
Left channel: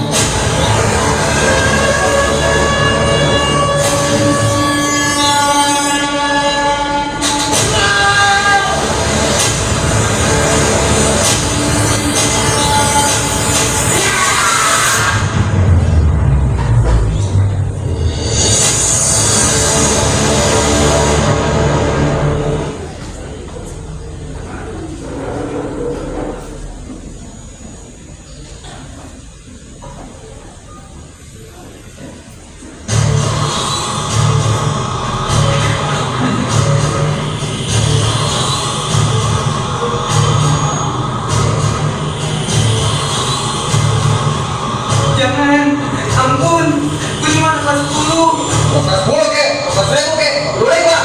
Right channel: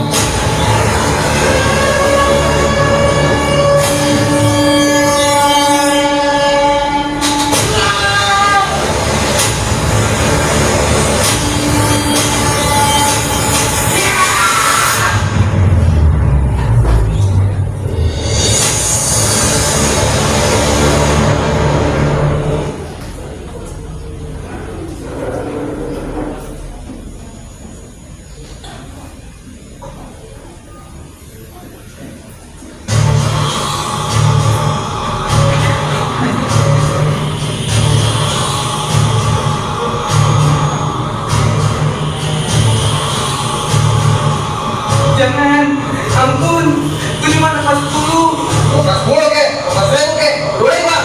ampun, gue cuma kelas 10. Kelas 10 kek, kelas 1000 kek, boleh Pak.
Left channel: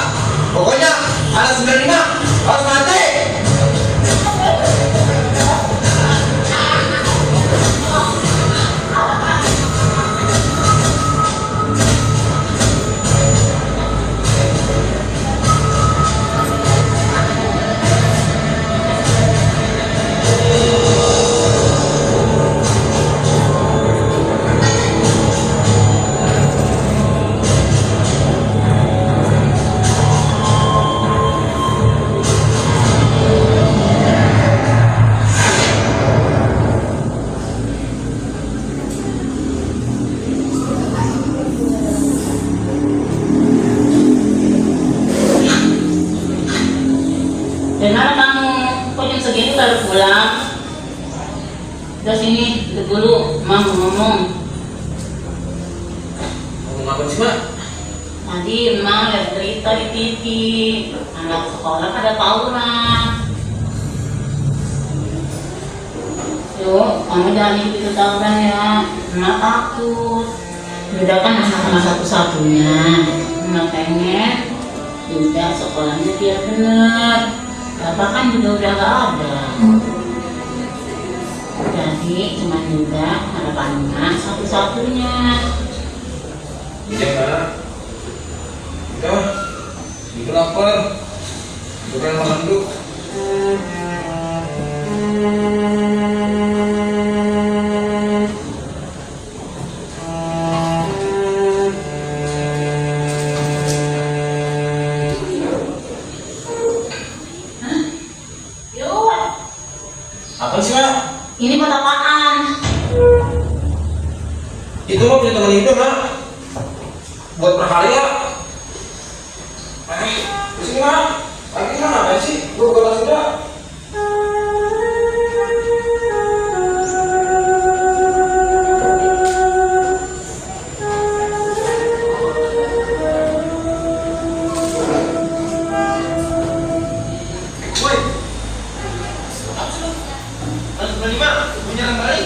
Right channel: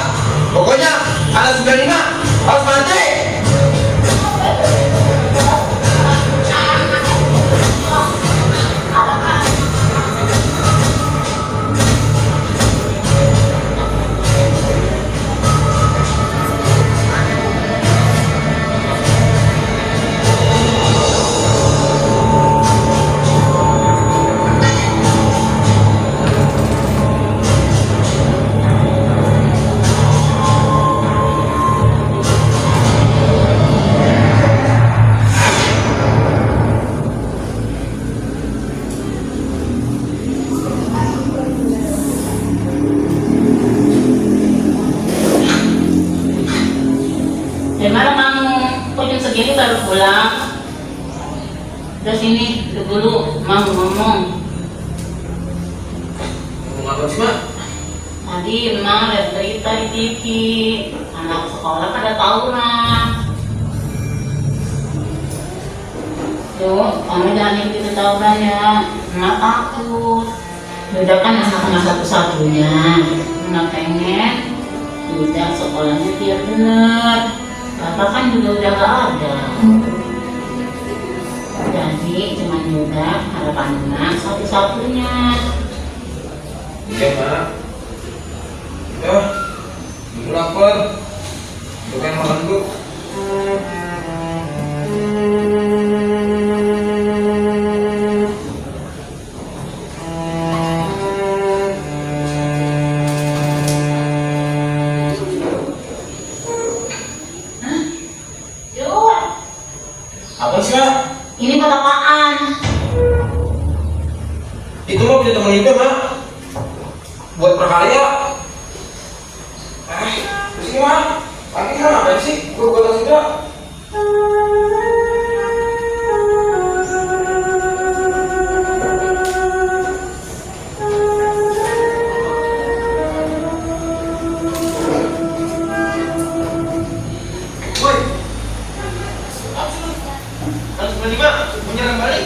Pokoknya anak 95 harus mati. Gimana kamu? Kok jam segini baru pulang? Udah sini, duduk dulu, Mam ngomong. Ngomong apa sih, Mak? Tadi Mam lihat berita di TV, anak sekolah pada tawuran. Yuk, kamu jangan ikut tawuran ya, Emak takut. Udah kan anak-anak satu-satunya, Emak pengen udah sekolahnya biar bener. Bapak kan juga udah gak ada. Jadi cuma juga harapan Mak satu-satunya. Iya, Mak. Udah, ibu lapar. Ibu yang makan dulu. Yuk, Apa sih, Mak? ini buat apaan? Itu mah punya teman Ipe, Mak. Buat prakarya. Pusing, Mak. Lagi mana ngapain sih? Gue buka tas juga. Woi. Apa sih lu? Kelas 95, mau nyerang balik.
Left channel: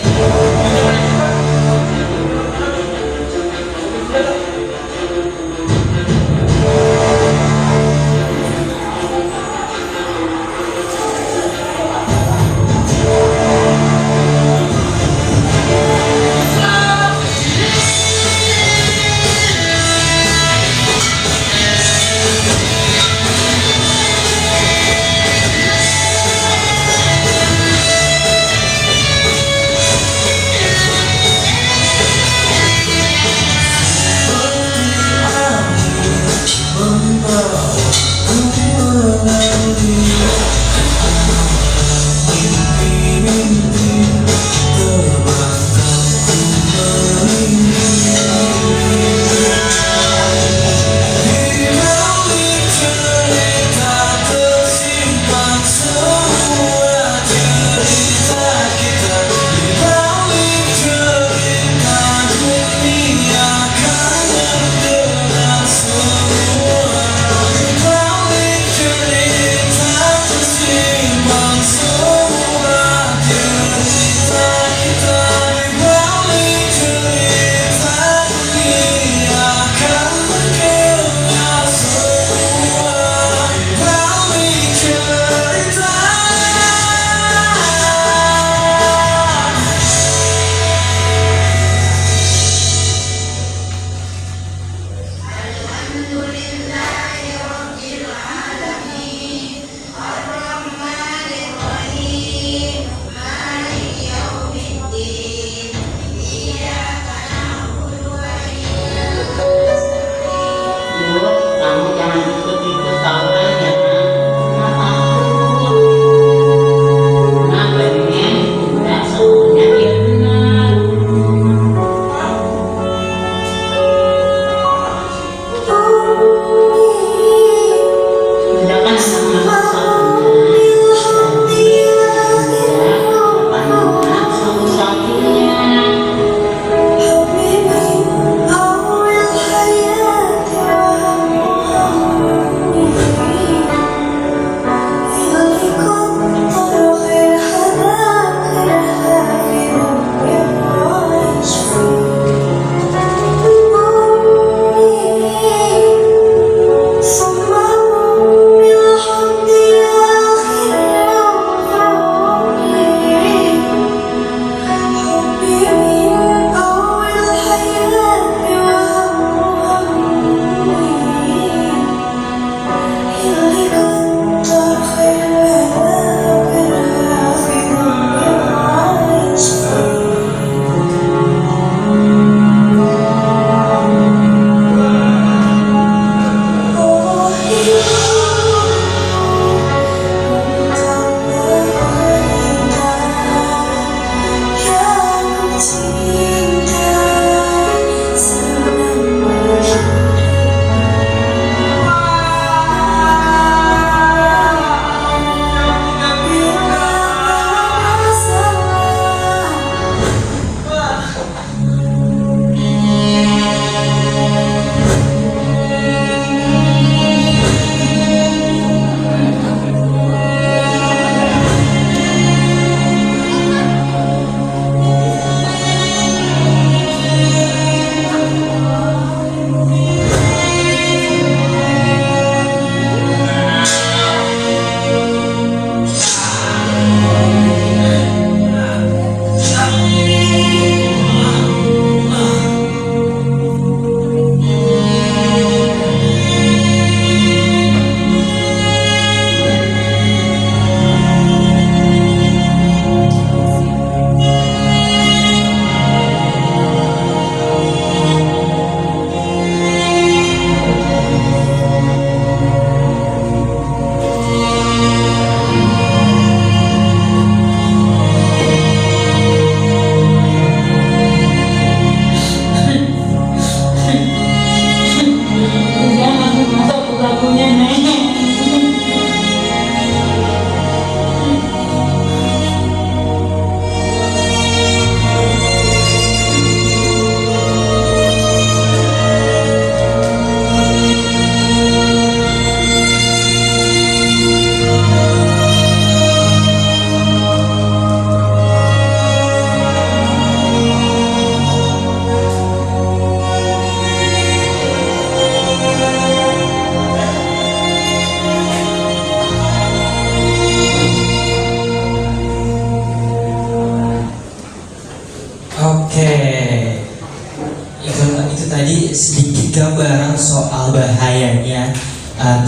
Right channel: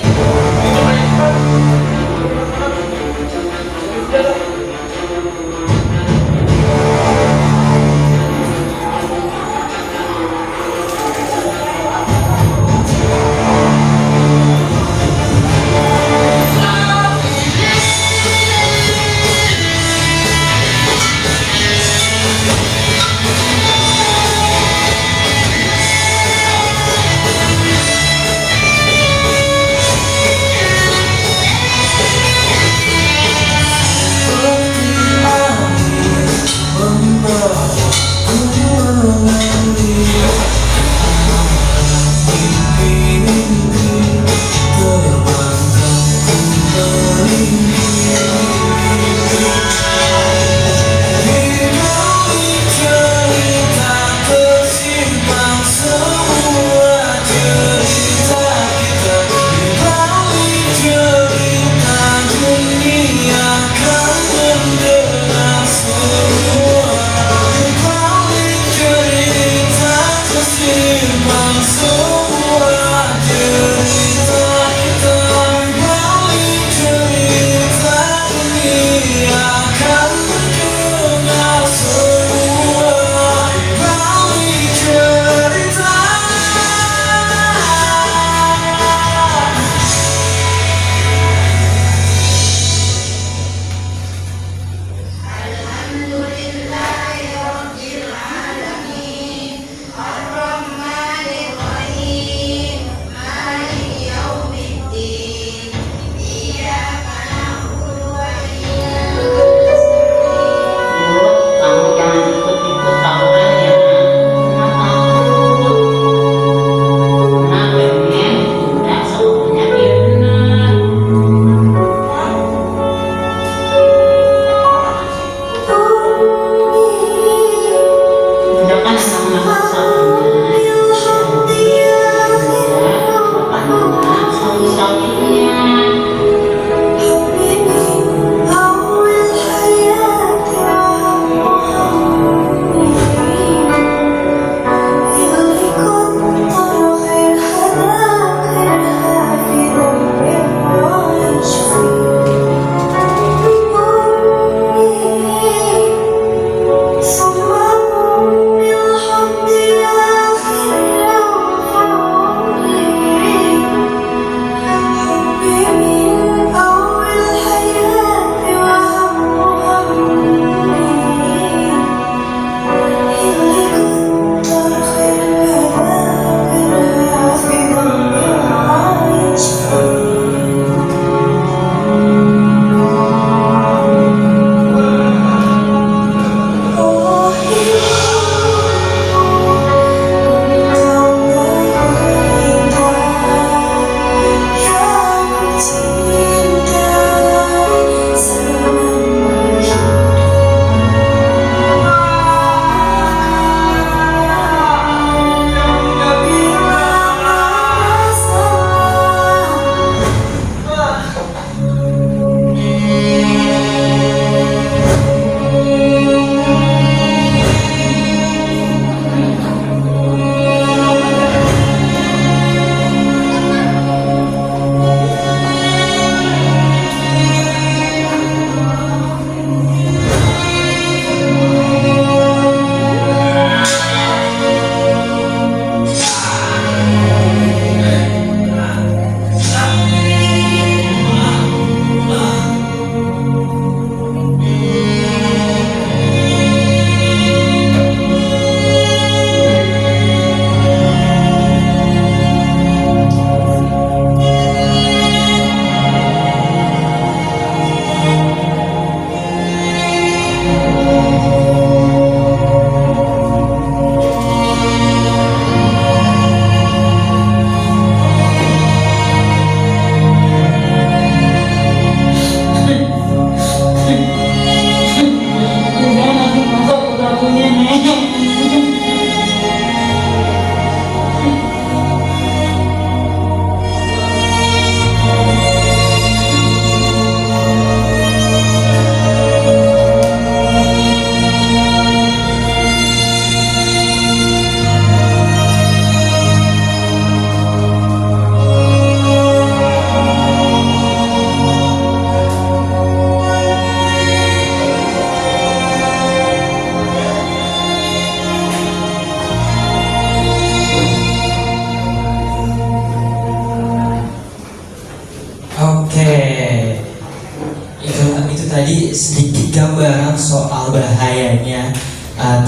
tadi sedikit gambaran soal bahayanya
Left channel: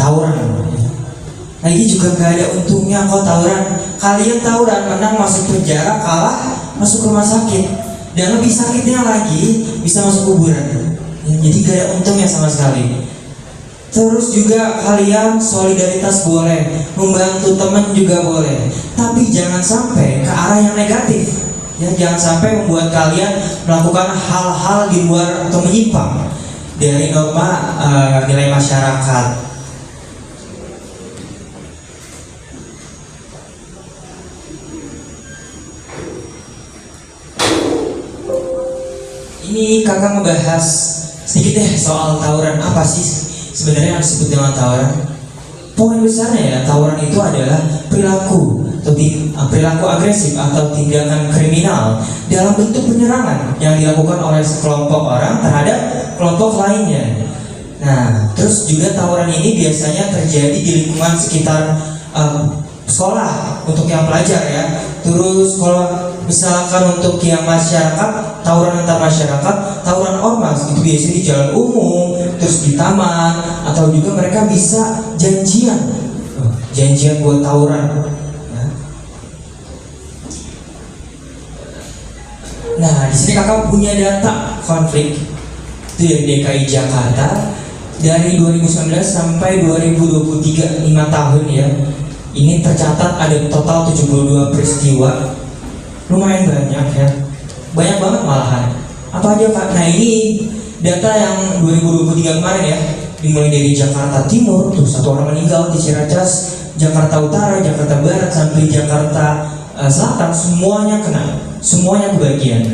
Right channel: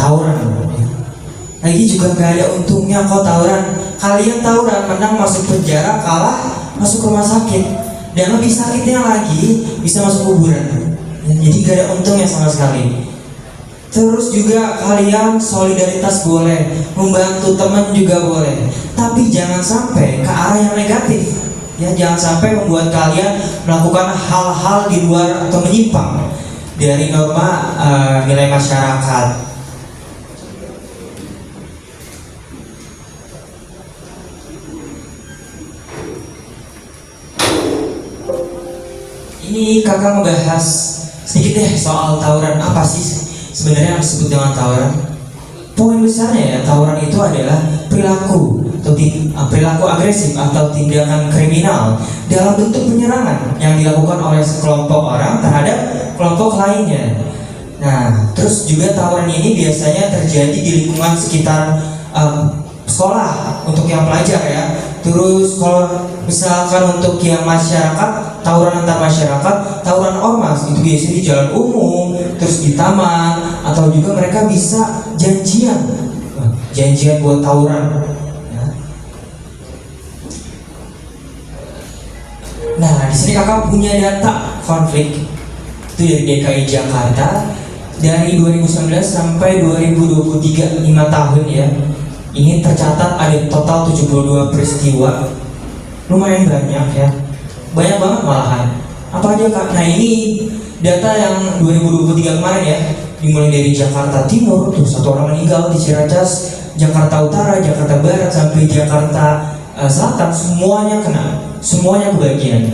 tawuran. Lagi juga gak ada untungnya kau tawuran. Kalian tawuran menang masuk penjara, kalah masuk rumah sakit, dan lebih sakitnya lagi bisa masuk kuburan. Jadi gak ada untungnya sama sekali. Terus juga kalian solidaritas boleh, membantu teman juga boleh, tapi jangan sampai ke arah yang negatif. Ya, jangan sampai membuat kalian melakukan hal-hal di luar atau menyimpang dari norma nilai masyarakat. Ini kakak ngebahas sedikit deh soal tawuran. Apa sih sebenarnya yang disebut dengan tawuran? Poin besarnya ya, tawuran itu adalah perilaku perilaku agresif atau tindakan kriminal dalam bentuk penyerangan yang dilakukan oleh sekelompok orang terhadap kelompok lainnya. Nah, terus juga tawuran ini biasanya terjadi di lingkungan sekitar sekolah untuk yang pelajar ya. Terus kalau misalkan untuk yang masyarakat, tawuran antar masyarakat, tawuran ormas itu biasanya di jalan umum, terus di taman, atau juga mereka bisa janjian buat tawuran. Nah, di sini kakak punya data konflik itu dari DKI Jakarta dari 2019 sampai 2023, 5 tahun ya. Ini tercatat ada total 72 peristiwa, lumayan banyak ya, banyak banget malahan. Apa aja kak? Nah ini data yang 2023 kemarin ya, dimulai dari Jakarta Timur tuh 1 orang meninggal, di Ciracas, Jakarta Utara, Jakarta Barat sampai Jakarta Selatan, semuanya kena, semuanya kebagian.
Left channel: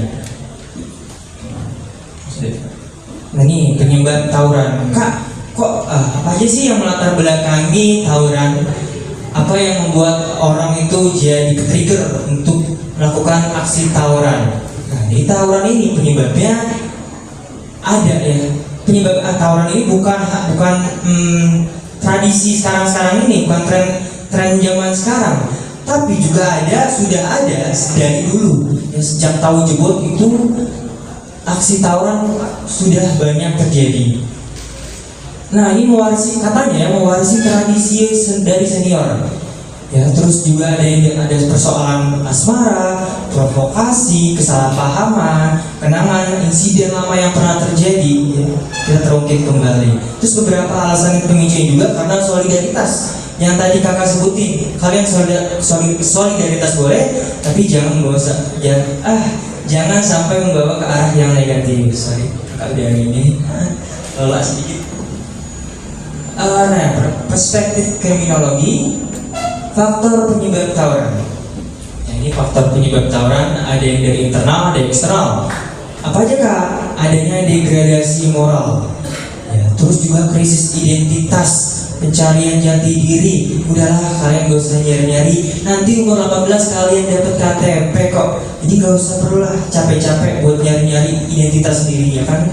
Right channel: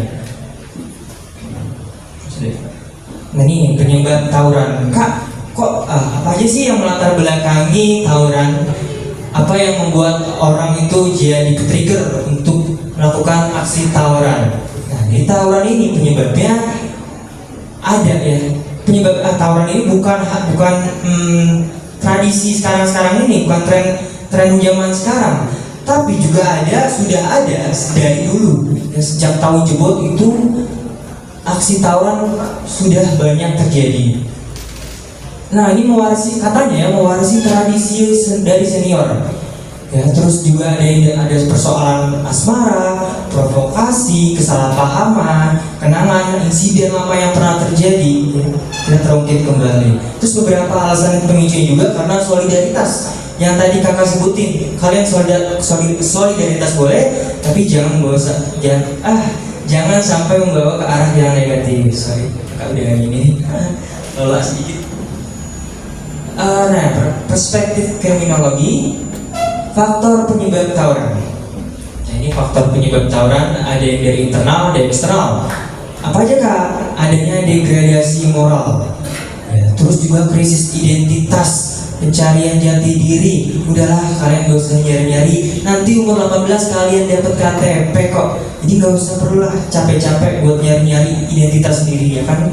Nah ini penyebab tawuran. Kak, kok apa aja sih yang melatar belakangi tawuran? Apa yang membuat orang itu jadi trigger untuk melakukan aksi tawuran? Nah di tawuran ini penyebabnya ada ya. Penyebab tawuran ini bukan tradisi sekarang ini, bukan tren zaman sekarang, tapi juga sudah ada dari dulu. Sejak tahun jebot itu aksi tawuran sudah banyak terjadi. Nah ini mewarisi tradisi dari senior. Ya, terus juga ada persoalan asmara, provokasi, kesalahpahaman, kenangan insiden lama yang pernah terjadi, ya, kita terungkit kembali. Terus beberapa alasan yang pemicunya juga karena solidaritas yang tadi kakak sebutin. Kalian solidaritas boleh, tapi jangan jangan sampai membawa ke arah yang negatif. Sorry, kakak udah ini lelah sedikit. Nah, perspektif kriminologi, faktor penyebab tawuran. Nah, ini faktor penyebab tawuran ada yang dari internal, ada yang eksternal. Apa aja kak? Adanya degradasi moral, ya, terus juga krisis identitas, pencarian jati diri. Udahlah kalian gak usah nyari-nyari, nanti umur 18 kalian dapat KTP kok. Jadi gak usah perlulah capek-capek buat nyari-nyari identitas sendiri, ya kan?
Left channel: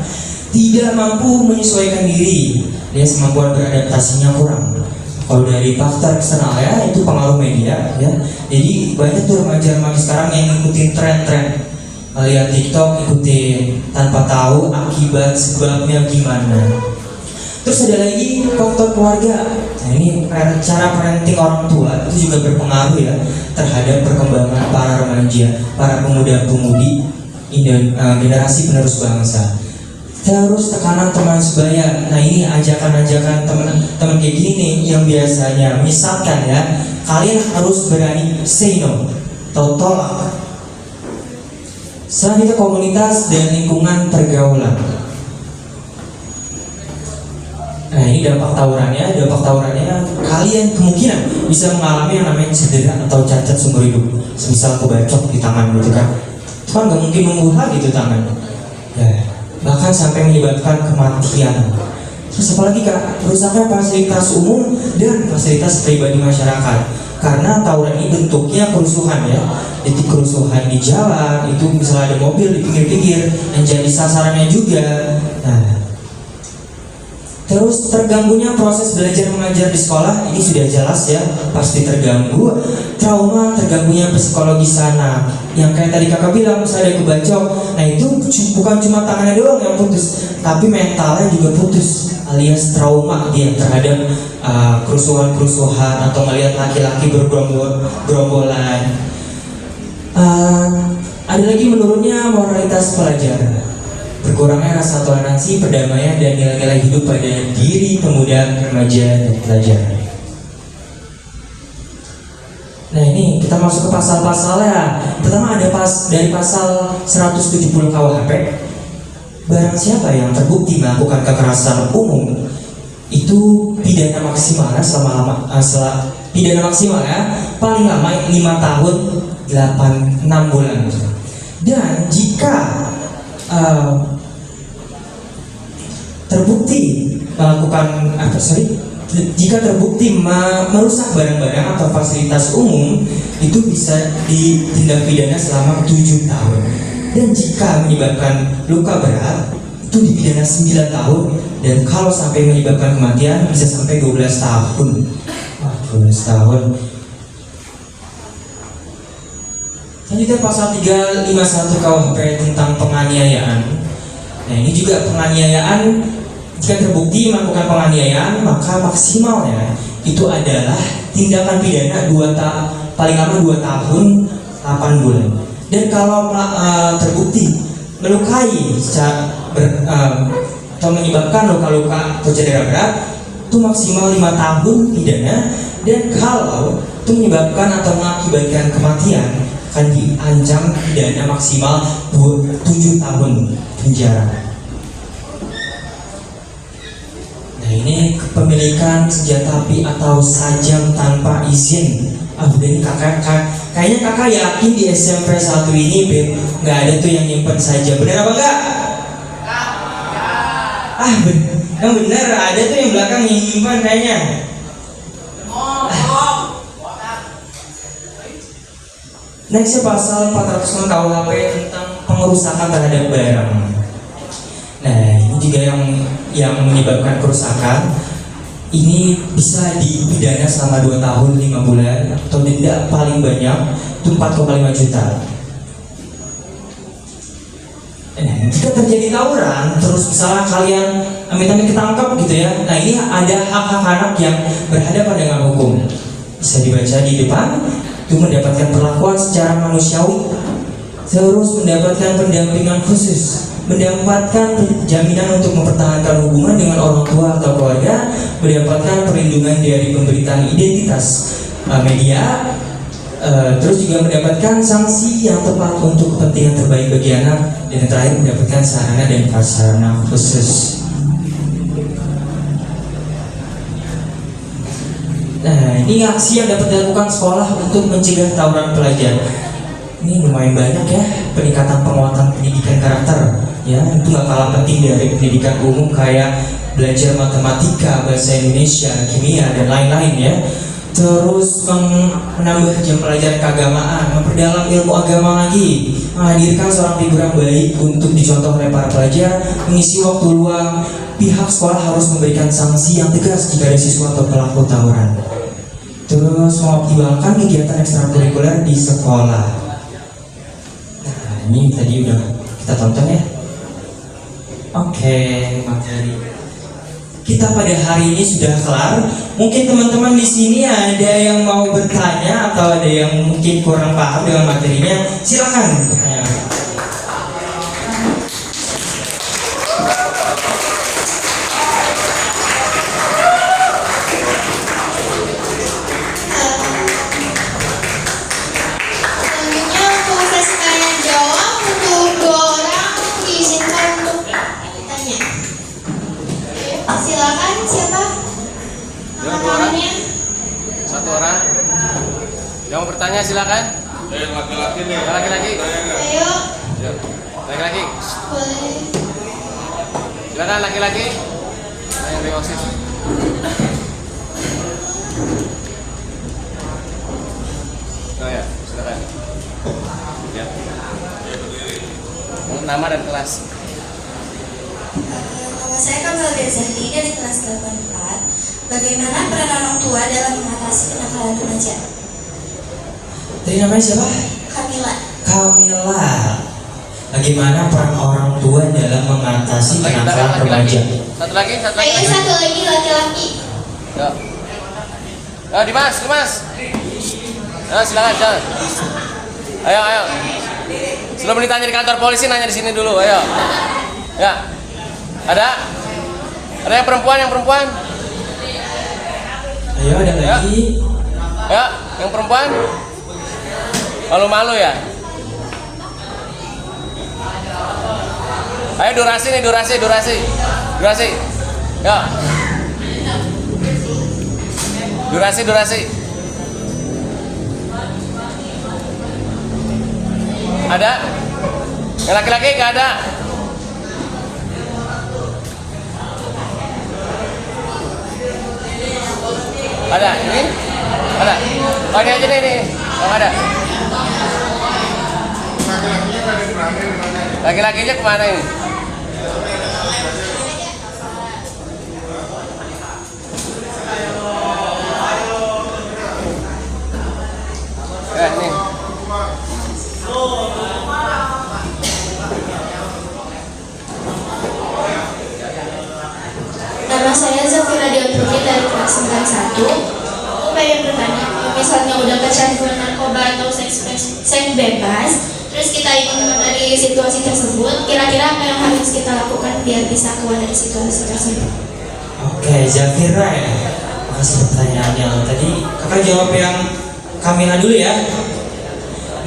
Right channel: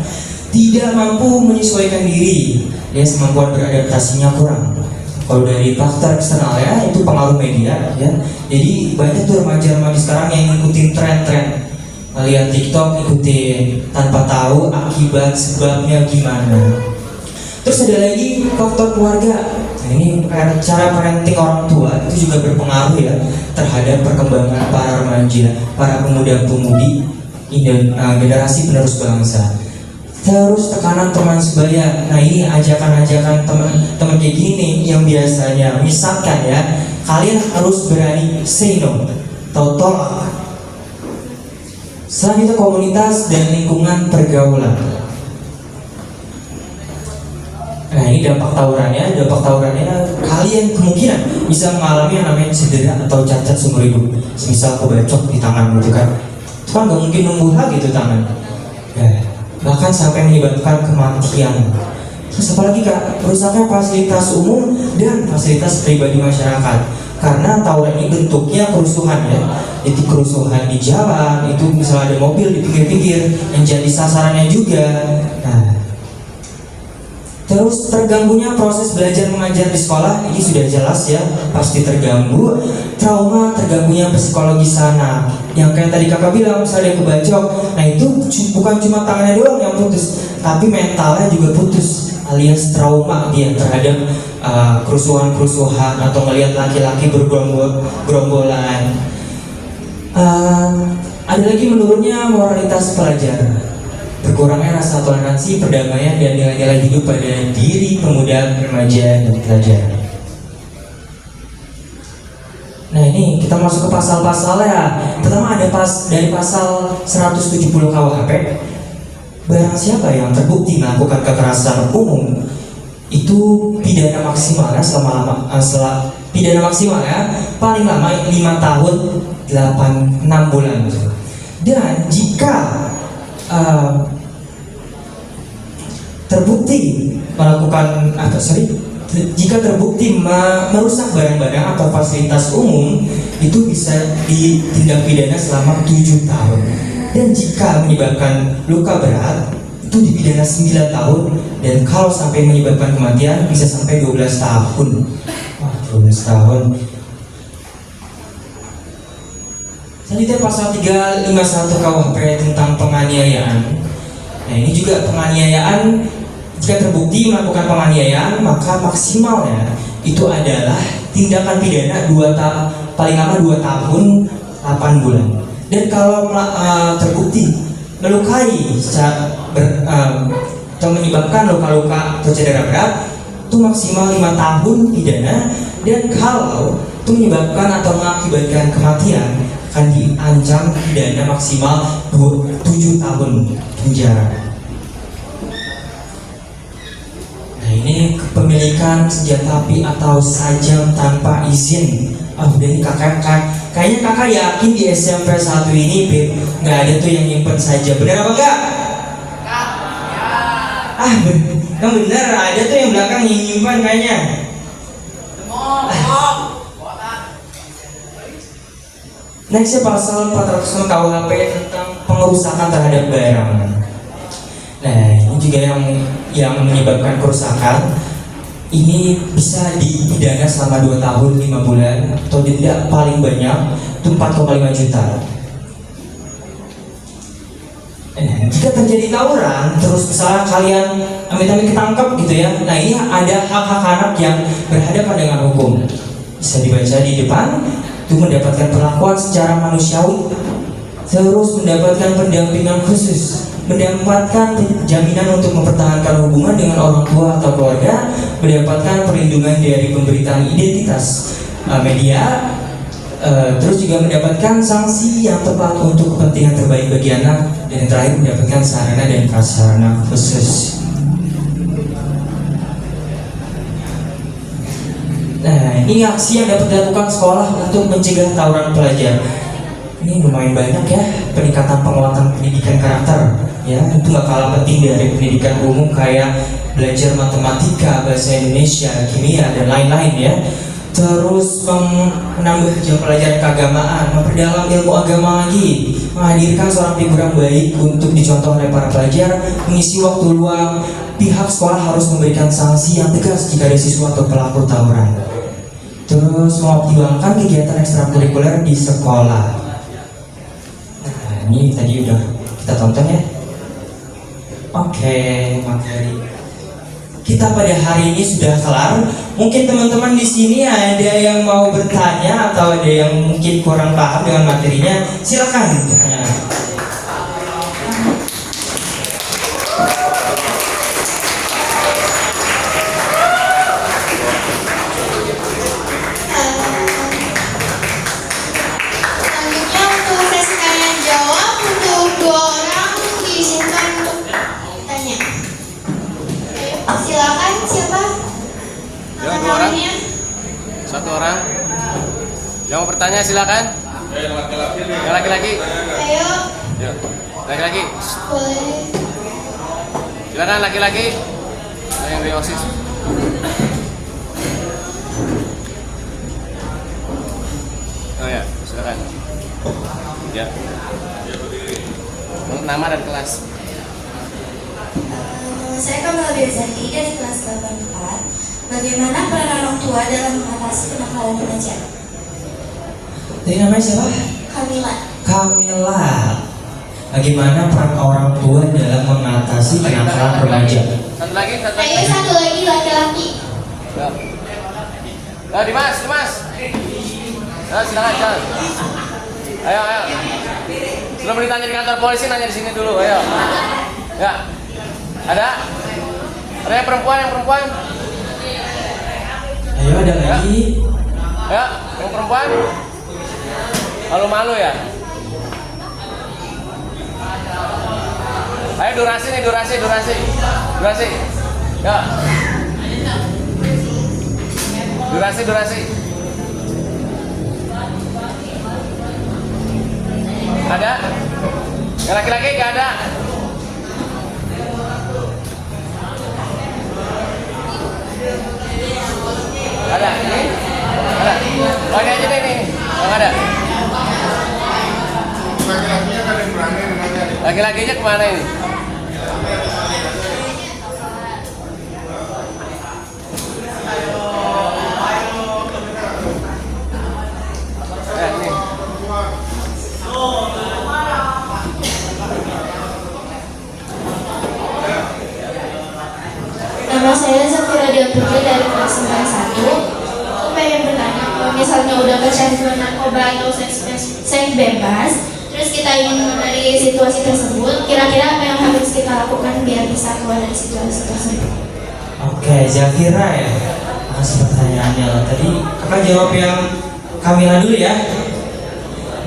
Tidak mampu menyesuaikan diri, ya, kemampuan beradaptasinya kurang. Kalau dari faktor eksternal ya, itu pengaruh media ya. Jadi banyak tuh remaja-remaja sekarang yang ngikutin tren-tren, lihat TikTok ikutin tanpa tahu akibat sebabnya gimana. Terus ada lagi faktor keluarga. Nah ini cara parenting orang tua itu juga berpengaruh ya terhadap perkembangan para remaja, para pemuda-pemudi generasi penerus bangsa. Terus tekanan teman sebaya. Nah ini ajakan-ajakan teman kayak gini yang biasanya misalkan ya, kalian harus berani say no atau tolak. Selanjutnya komunitas dan lingkungan pergaulan. Nah ini dampak tawurannya kalian kemungkinan bisa mengalami yang namanya cedera atau cacat seumur hidup. Semisal kebacok di tangan gitu kan, itu kan gak mungkin membunuh lagi tuh tangan ya, bahkan sampai menyebabkan kematian. Terus apalagi kak, rusaknya fasilitas umum dan fasilitas pribadi masyarakat. Karena tawuran ini bentuknya kerusuhan ya. Jadi kerusuhan di jalan, itu misalnya ada mobil di pinggir-pinggir yang jadi sasarannya juga. Nah, Terus terganggunya proses belajar mengajar di sekolah ini sudah jelas ya, pasti terganggu. Trauma, terganggunya psikologi sana, yang kayak tadi kakak bilang misalnya kebacok, nah itu bukan cuma tangannya doang yang putus, tapi mentalnya juga putus, alias trauma dia terhadap kerusuhan-kerusuhan atau melihat laki-laki bergerombolan. Ada lagi menurunnya moralitas pelajar, berkurangnya rasa toleransi, perdamaian, dan nilai-nilai hidup pada diri pemuda, remaja, dan pelajar. Nah ini kita masuk ke pasal-pasalnya. Pertama ada dari pasal 170 KUHP. Barang siapa yang terbukti melakukan kekerasan umum, itu pidana maksimalnya pidana maksimalnya paling lama 5 tahun 6 bulan. Dan jika terbukti melakukan jika terbukti merusak barang-barang atau fasilitas umum, itu bisa ditindak pidana selama 7 tahun. Dan jika menyebabkan luka berat, itu dipidana 9 tahun. Dan kalau sampai menyebabkan kematian bisa sampai 12 tahun. 12 tahun. Selanjutnya pasal 351 KUHP tentang penganiayaan. Nah ini juga penganiayaan, jika terbukti melakukan penganiayaan maka maksimalnya itu adalah tindakan pidana paling lama 2 tahun 8 bulan. Dan kalau terbukti melukai atau menyebabkan luka-luka atau cedera berat, itu maksimal 5 tahun pidana. Dan kalau itu menyebabkan atau mengakibatkan kematian, akan diancam pidana maksimal 7 tahun penjara. Nah ini kepemilikan senjata api atau sajam tanpa izin. Udah ini kayaknya kakak yakin di SMP 1 ini nggak ada tuh yang nyimpen sajam. Bener apa enggak? Yang bener ada tuh yang belakang yang nyimpen kayaknya. Nextnya pasal 406 KUHP tentang pengerusakan terhadap barang. Nah ini juga yang menyebabkan kerusakan, ini bisa dipidana selama 2 tahun 5 bulan atau denda paling banyak itu 4,5 juta. Jika terjadi tawuran, terus misalnya kalian amit-amit ketangkap gitu ya, nah ini ada hak-hak anak yang berhadapan dengan hukum. Bisa dibaca di depan, itu mendapatkan perlakuan secara manusiawi, terus mendapatkan pendampingan khusus, mendapatkan jaminan untuk mempertahankan hubungan dengan orang tua atau keluarga, mendapatkan perlindungan dari pemberitaan identitas media, terus juga mendapatkan sanksi yang tepat untuk kepentingan terbaik bagi anak, dan yang terakhir mendapatkan sarana dan prasarana khusus. Nah ini aksi yang dapat dilakukan sekolah untuk mencegah tawuran pelajar. Ini lumayan banyak ya, peningkatan penguatan pendidikan karakter. Ya, itu gak kalah penting dari pendidikan umum kayak belajar matematika, bahasa Indonesia, kimia, dan lain-lain ya. Terus menambah jam pelajaran keagamaan, memperdalam ilmu agama lagi, menghadirkan seorang figur yang baik untuk dicontoh oleh para pelajar, mengisi waktu luang. Pihak sekolah harus memberikan sanksi yang tegas jika ada siswa atau pelaku tawuran. Terus mengoptimalkan kegiatan ekstrakurikuler di sekolah. Nah ini tadi udah kita tonton ya. Oke, materi kita pada hari ini sudah kelar. Mungkin teman-teman di sini ada yang mau bertanya atau ada yang mungkin kurang paham dengan materinya, silakan. Selanjutnya untuk sesi tanya jawab untuk 2 orang diizinkan untuk bertanya. Ayo, silakan siapa? Angkat tangannya. 1 orang. Yang mau bertanya silakan. Laki-laki nih. Laki-laki. Ayo, Ya. Laki-laki. boleh. Silakan laki-laki. Yang dari OSIS. Oh ya, silakan. Ya. Nama dan kelas. saya Kamal Rizani dari kelas 84. Bagaimana peran orang tua dalam mengatasi kenakalan remaja? Tadi namanya siapa? Kamila. Kamila. Bagaimana peran orang tua dalam mengatasi kenakalan remaja? Satu lagi. Kayaknya satu lagi laki-laki. Yo. Yo, Dimas. Ya, silakan, jalan. Ayo. Sebelum ditanya di kantor polisi, nanya di sini dulu, ayo. Ya. Ada yang perempuan? Ayo, ada lagi. Ya, yang perempuan? Malu-malu ya? Ayo durasi. Ya. Durasi. Ada? Yang laki-laki gak ada? Ada? Ini? Ada? Lagi aja ini. Yang ada? Laki-lakinya kemana ini? Nih. Nama saya Zafira Dia Putri dari kelas 91. Aku pengen bertanya, kalau misalnya udah kecanduan narkoba atau seks bebas, terus kita ingin menghindari situasi tersebut, kira-kira apa yang harus kita lakukan biar bisa keluar dari situasi tersebut? Oke, Zafira ya. Makasih pertanyaannya. Tadi kakak jawab yang Kamila dulu ya.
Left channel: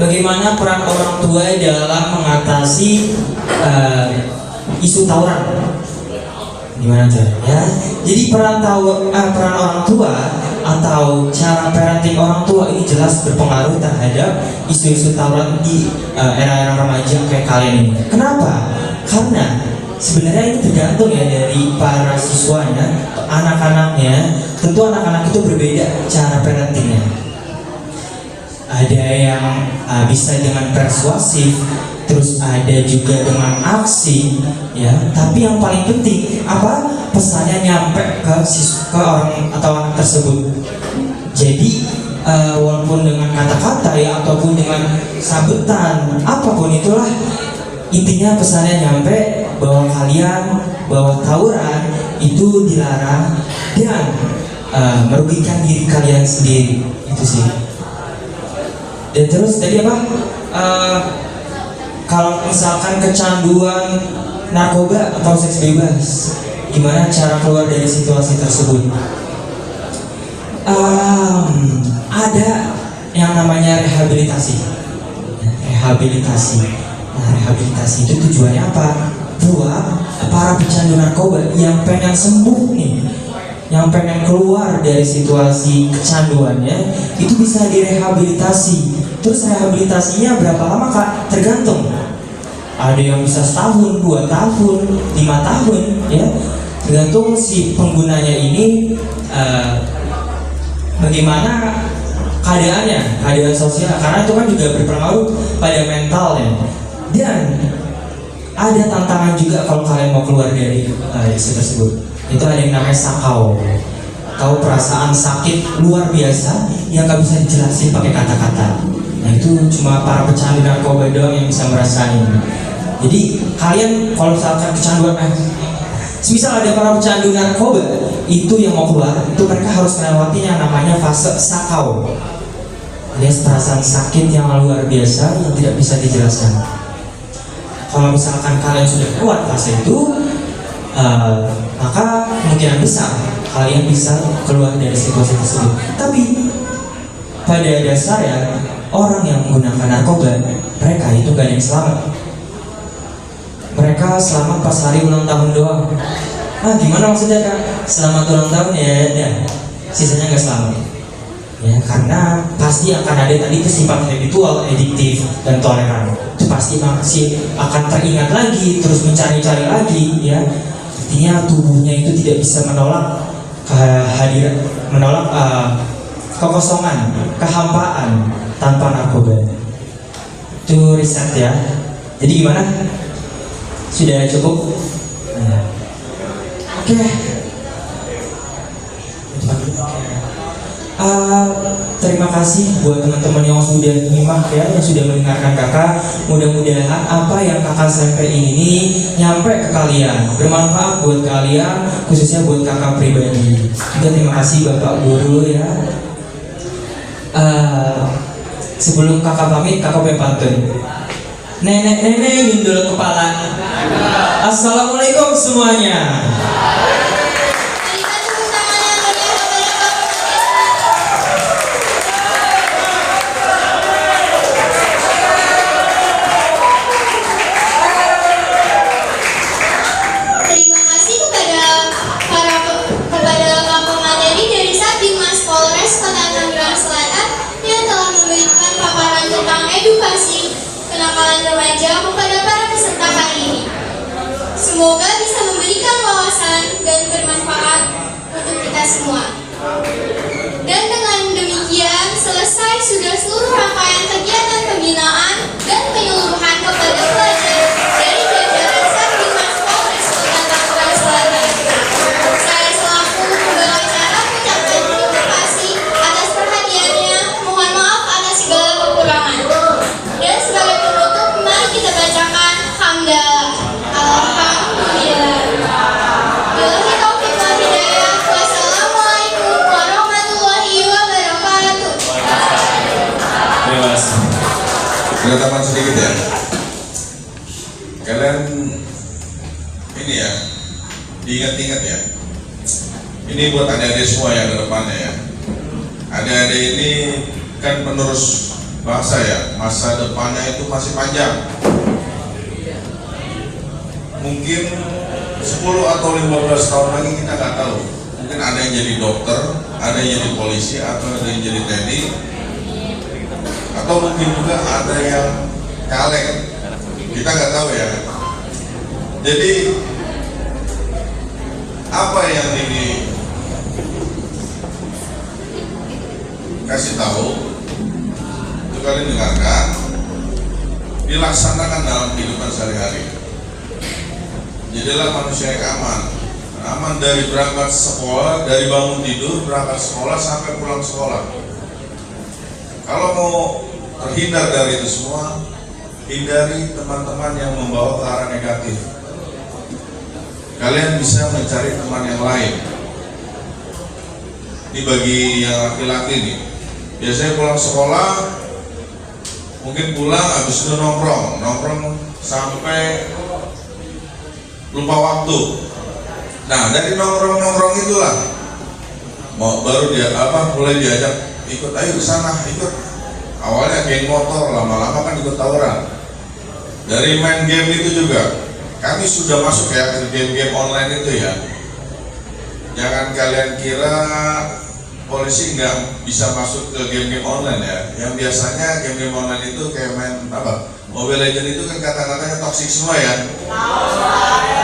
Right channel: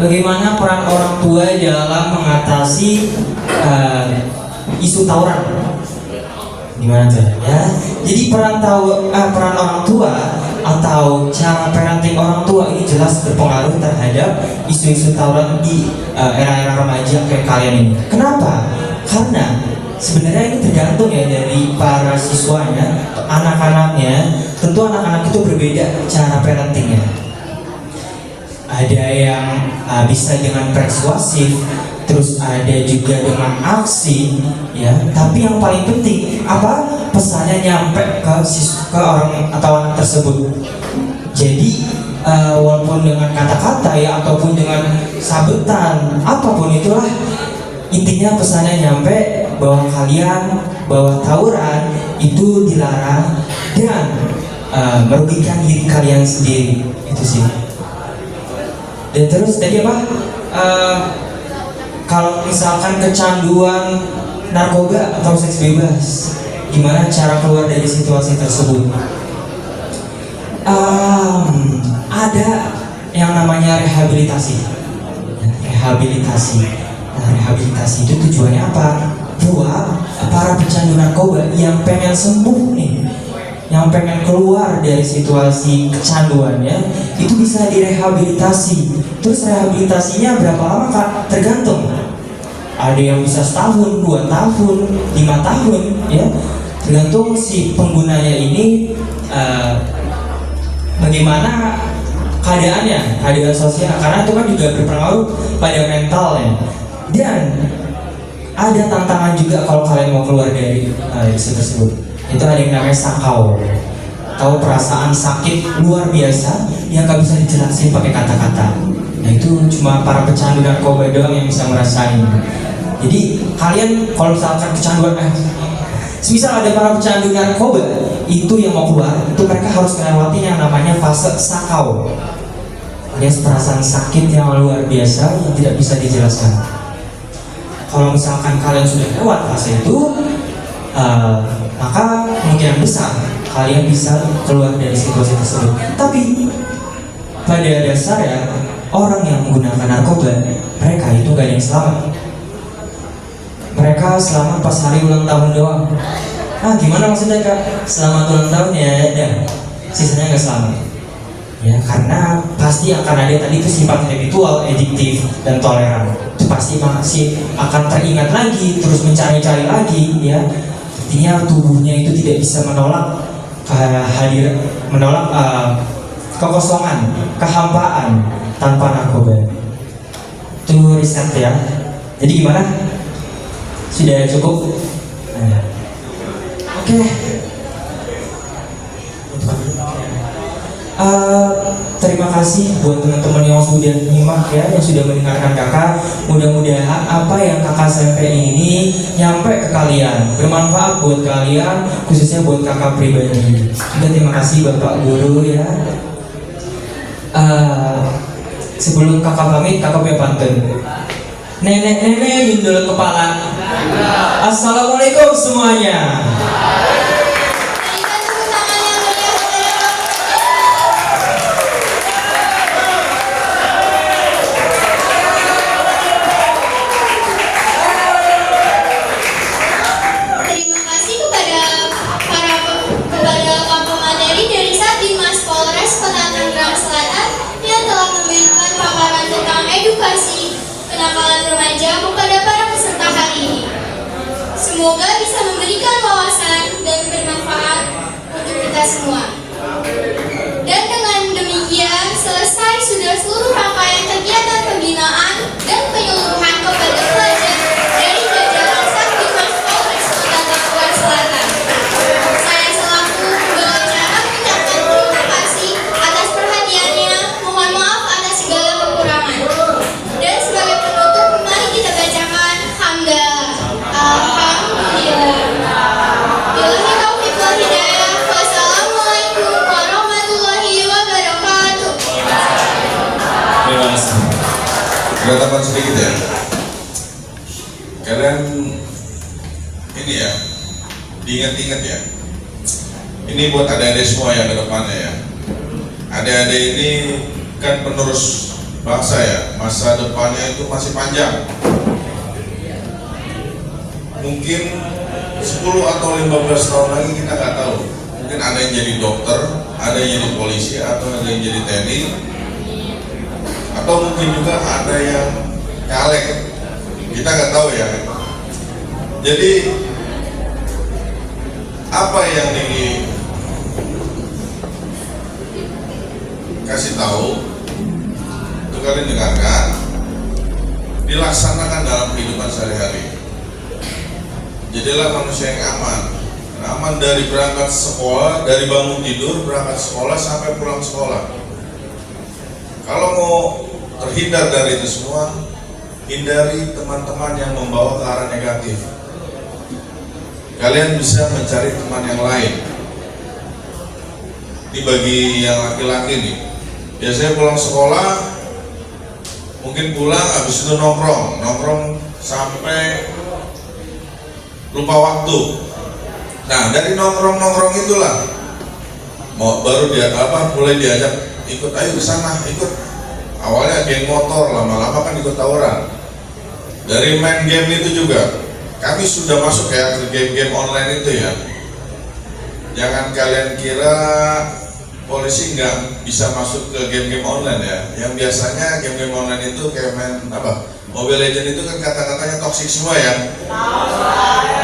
Bagaimana peran orang tua dalam mengatasi isu tawuran? Gimana caranya? Jadi peran orang tua atau cara parenting orang tua ini jelas berpengaruh terhadap isu-isu tawuran di era-era remaja kayak kalian ini. Kenapa? Karena sebenarnya ini tergantung ya dari para siswanya, anak-anaknya. Tentu anak-anak itu berbeda cara parentingnya. Ada yang bisa dengan persuasif, terus ada juga dengan aksi, ya. Tapi yang paling penting apa? Pesannya nyampe ke orang atau anak tersebut. Jadi walaupun dengan kata-kata ya ataupun dengan sabetan, apapun itulah, intinya pesannya nyampe bahwa bahwa tawuran itu dilarang dan merugikan diri kalian sendiri. Itu sih. Dan terus tadi apa? Kalau misalkan kecanduan narkoba atau seks bebas, gimana cara keluar dari situasi tersebut? Ada yang namanya rehabilitasi. Nah, rehabilitasi itu tujuannya apa? Buat para pecandu narkoba yang pengen sembuh nih, yang pengen keluar dari situasi kecanduannya, itu bisa direhabilitasi. Terus rehabilitasinya berapa lama Kak? Tergantung. Ada yang bisa setahun, 2 tahun, 5 tahun, ya. Tergantung si penggunanya ini bagaimana keadaannya, keadaan sosial. Karena itu kan juga berpengaruh pada mentalnya. Dan ada tantangan juga kalau kalian mau keluar dari isu tersebut. Itu ada yang namanya sakau. Tahu perasaan sakit luar biasa yang gak bisa dijelasin pakai kata-kata. Nah itu cuma para pecandu narkoba doang yang bisa merasain. Jadi kalian kalau misalkan kecanduan, semisal ada para pecandu narkoba itu yang mau keluar, itu mereka harus melewati yang namanya fase sakau, alias perasaan sakit yang luar biasa yang tidak bisa dijelaskan. Kalau misalkan kalian sudah lewat fase itu, maka kemungkinan besar kalian bisa keluar dari situasi tersebut. Tapi pada dasarnya orang yang menggunakan narkoba, mereka itu gak ada yang selamat. Mereka selamat pas hari ulang tahun doang. Gimana maksudnya Kak? Selamat ulang tahun ya, sisanya gak selamat. Ya, karena pasti akan ada tadi itu sifat habitual, adiktif, dan toleran. Itu pasti masih akan teringat lagi, terus mencari-cari lagi, ya. Artinya tubuhnya itu tidak bisa menolak kekosongan, kehampaan tanpa narkoba. Itu riset ya. Jadi gimana? Sudah cukup? Oke. Terima kasih buat teman-teman yang sudah nyimak ya, yang sudah mendengarkan kakak. Mudah-mudahan apa yang kakak sampaikan ini nyampe ke kalian, bermanfaat buat kalian, khususnya buat kakak pribadi. Juga terima kasih bapak guru ya. Sebelum kakak pamit, kakak punya pantun. Nenek-nenek gundul kepala. Assalamualaikum semuanya. Berikan tepuk tangan yang meriah kepada Bapak. Terima kasih kepada Pak pemateri dari Satdimas Polres Kota Tangerang Selatan yang telah memberikan paparan tentang edukasi kenakalan remaja kepada para peserta hari ini. Semoga bisa memberikan wawasan dan bermanfaat untuk kita semua. Dan dengan demikian selesai sudah seluruh rangkaian kegiatan pembinaan dan penyeluruhan kepada pelajar dari jajaran Satdimas Polres Kota Tangerang Selatan. Saya selaku pembawa acara mengucapkan terima kasih atas perhatiannya. Mohon maaf atas segala kekurangan. Dan sebagai penutup, mari kita bacakan hamdalah. Alhamdulillah. Billahi taufiq wal hidayah. Wassalamualaikum warahmatullahi wabarakatuh. Penetapan sedikit ya. Kalian ini ya, diingat-ingat ya. Ini buat adik-adik semua yang ke depannya ya. Adik-adik ini kan penerus bangsa ya. Masa depannya itu masih panjang. Mungkin 10 atau 15 tahun lagi kita nggak tahu. Mungkin ada yang jadi dokter, ada yang jadi polisi, atau ada yang jadi TNI, atau mungkin juga ada yang caleg. Kita nggak tahu ya. Jadi apa yang dikasih tahu, itu kalian dengarkan, dilaksanakan dalam kehidupan sehari-hari. Jadilah manusia yang aman dari berangkat sekolah, dari bangun tidur, berangkat sekolah sampai pulang sekolah. Kalau mau terhindar dari itu semua, hindari teman-teman yang membawa ke arah negatif. Kalian bisa mencari teman yang lain. Ini bagi yang laki-laki nih, biasanya pulang sekolah, mungkin pulang habis itu nongkrong sampai lupa waktu. Nah, dari nongkrong itulah baru mulai diajak ikut, ayo ke sana, ikut. Awalnya geng motor, lama-lama kan ikut tawuran. Dari main game itu juga, kami sudah masuk ya ke game-game online itu ya. Jangan kalian kira polisi nggak bisa masuk ke game-game online ya. Yang biasanya game-game online itu kayak main Mobile Legends itu kan kata-katanya toksik semua ya.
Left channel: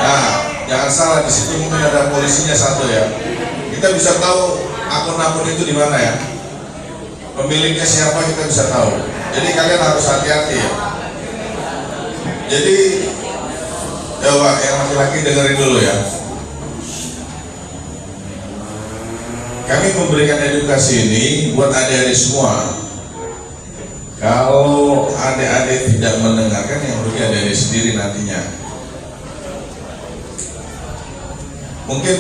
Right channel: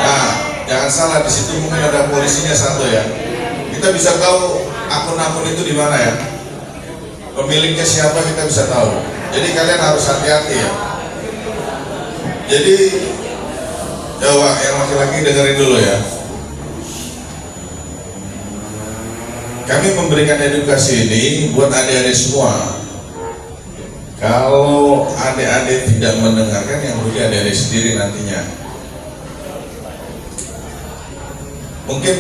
Nah, jangan salah, di situ mungkin ada polisinya satu ya. Kita bisa tahu akun-akun itu di mana ya. Pemiliknya siapa kita bisa tahu. Jadi kalian harus hati-hati ya. Jadi coba yang laki-laki dengerin dulu ya. Kami memberikan edukasi ini buat adik-adik semua. Kalau adik-adik tidak mendengarkan, yang rugi adik-adik sendiri nantinya. Mungkin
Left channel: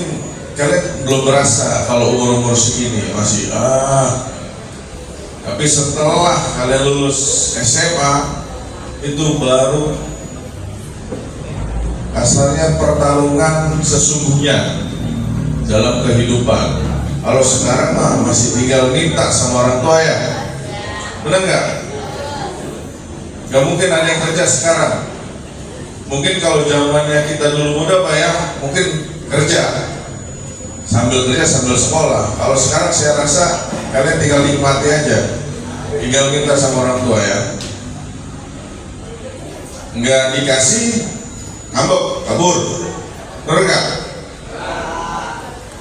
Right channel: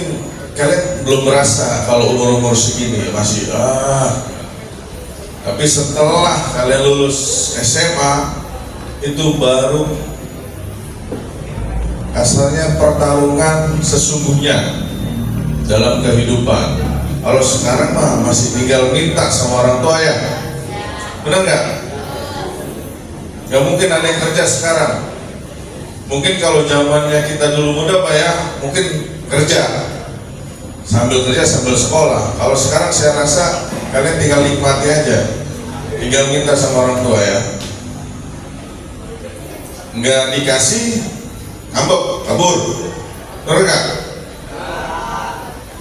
kalian belum merasa kalau umur-umur segini masih tapi setelah kalian lulus SMA itu baru kasarnya pertarungan sesungguhnya dalam kehidupan. Kalau sekarang mah masih tinggal minta sama orang tua ya, benar nggak? Nggak mungkin ada yang kerja sekarang. Mungkin kalau zamannya kita dulu muda Pak ya, mungkin kerja sambil sekolah. Kalau sekarang saya rasa kalian tinggal nikmati aja, tinggal minta sama orang tua ya. Nggak dikasih, ngambek, kabur, benar nggak?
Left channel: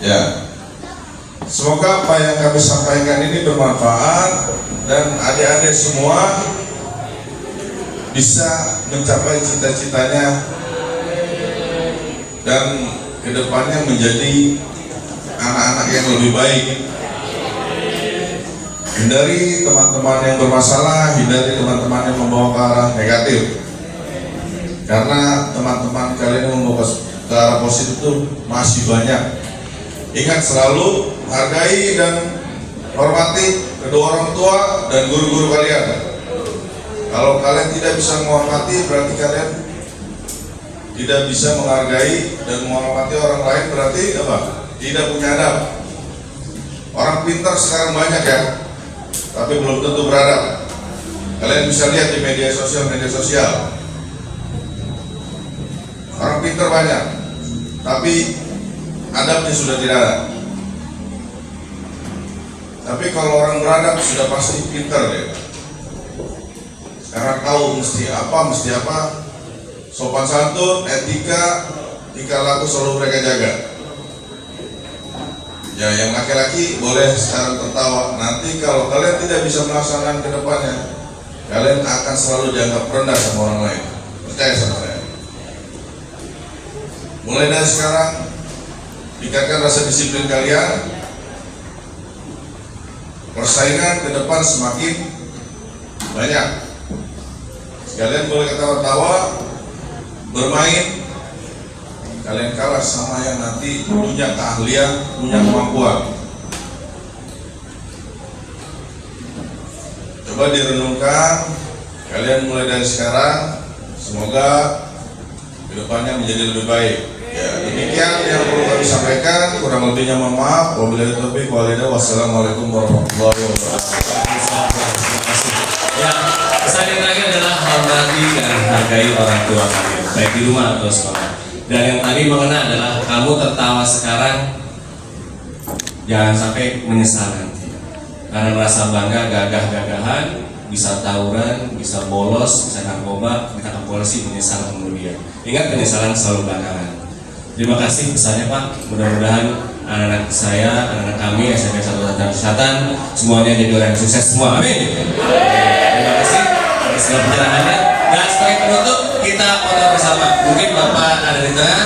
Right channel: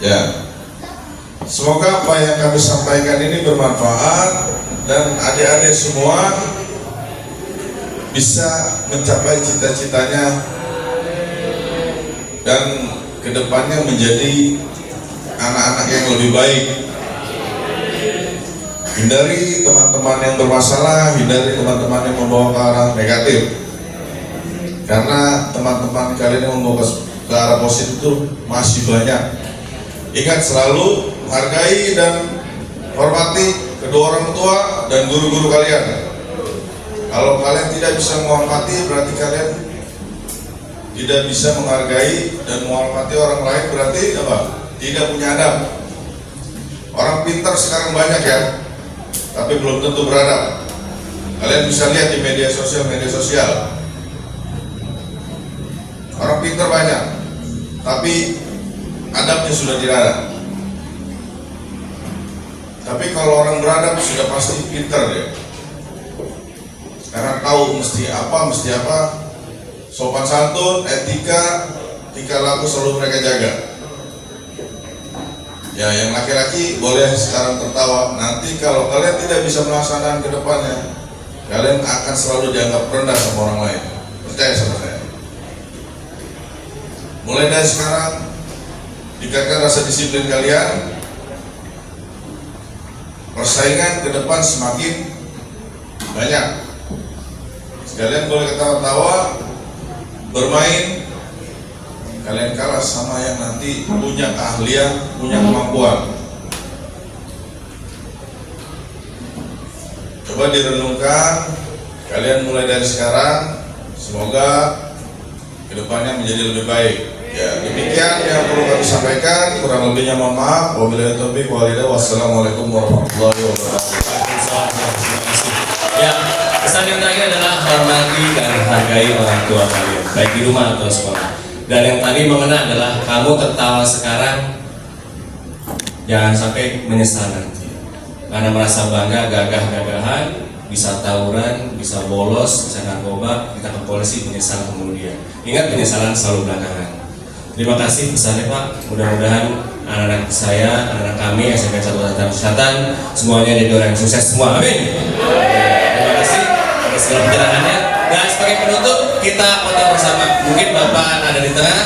Ya. Semoga apa yang kami sampaikan ini bermanfaat dan adik-adik semua bisa mencapai cita-citanya dan kedepannya menjadi anak-anak yang lebih baik. Hindari teman-teman yang bermasalah, hindari teman-teman yang membawa ke arah negatif. Karena teman-teman kalian yang membawa ke arah positif itu masih banyak. Ingat selalu hargai dan hormati kedua orang tua dan guru-guru kalian. Kalau kalian tidak bisa menghormati, berarti kalian tidak bisa menghargai dan menghormati orang lain, berarti apa? Tidak punya adab. Orang pintar sekarang banyak ya, tapi belum tentu beradab. Kalian bisa lihat di media sosial. Orang pintar banyak, tapi adabnya sudah tidak ada. Tapi kalau orang beradab sudah pasti pintar deh. Karena tahu mesti apa, sopan santun, etika, tingkah laku selalu mereka jaga. Ya, yang laki-laki boleh sekarang tertawa. Nanti kalau kalian tidak bisa melaksanakan ke depannya, kalian akan selalu dianggap rendah sama orang lain. Percaya sama saya. Mulai dari sekarang, tingkatkan rasa disiplin kalian. Persaingan ke depan semakin banyak. Kalian boleh ketawa-tawa, bermain. Kalian kalah sama yang nanti punya keahlian, punya kemampuan. Coba direnungkan, kalian mulai dari sekarang, semoga kedepannya menjadi lebih baik. Ya, demikian yang perlu kami sampaikan. Kurang lebihnya mohon maaf. Wabillahi taufiq wal hidayah. Wassalamualaikum warahmatullahi wabarakatuh. Ya, pesan yang terakhir adalah hormati dan hargai orang tua kalian, baik di rumah atau sekolah. Dan yang tadi mengena adalah kamu tertawa sekarang, jangan sampai menyesal nanti. Karena merasa bangga, gagah-gagahan, bisa tawuran, bisa bolos, bisa narkoba, kita ke polisi, menyesal kemudian. Ingat, penyesalan selalu belakangan. Terima kasih pesannya Pak. Mudah-mudahan anak-anak saya, anak-anak kami, SMP 1 Selatan, semuanya jadi orang yang sukses semua. Amin. Terima kasih atas segala pencerahannya. Dan sebagai penutup, kita foto bersama. Mungkin Bapak ada di tengah.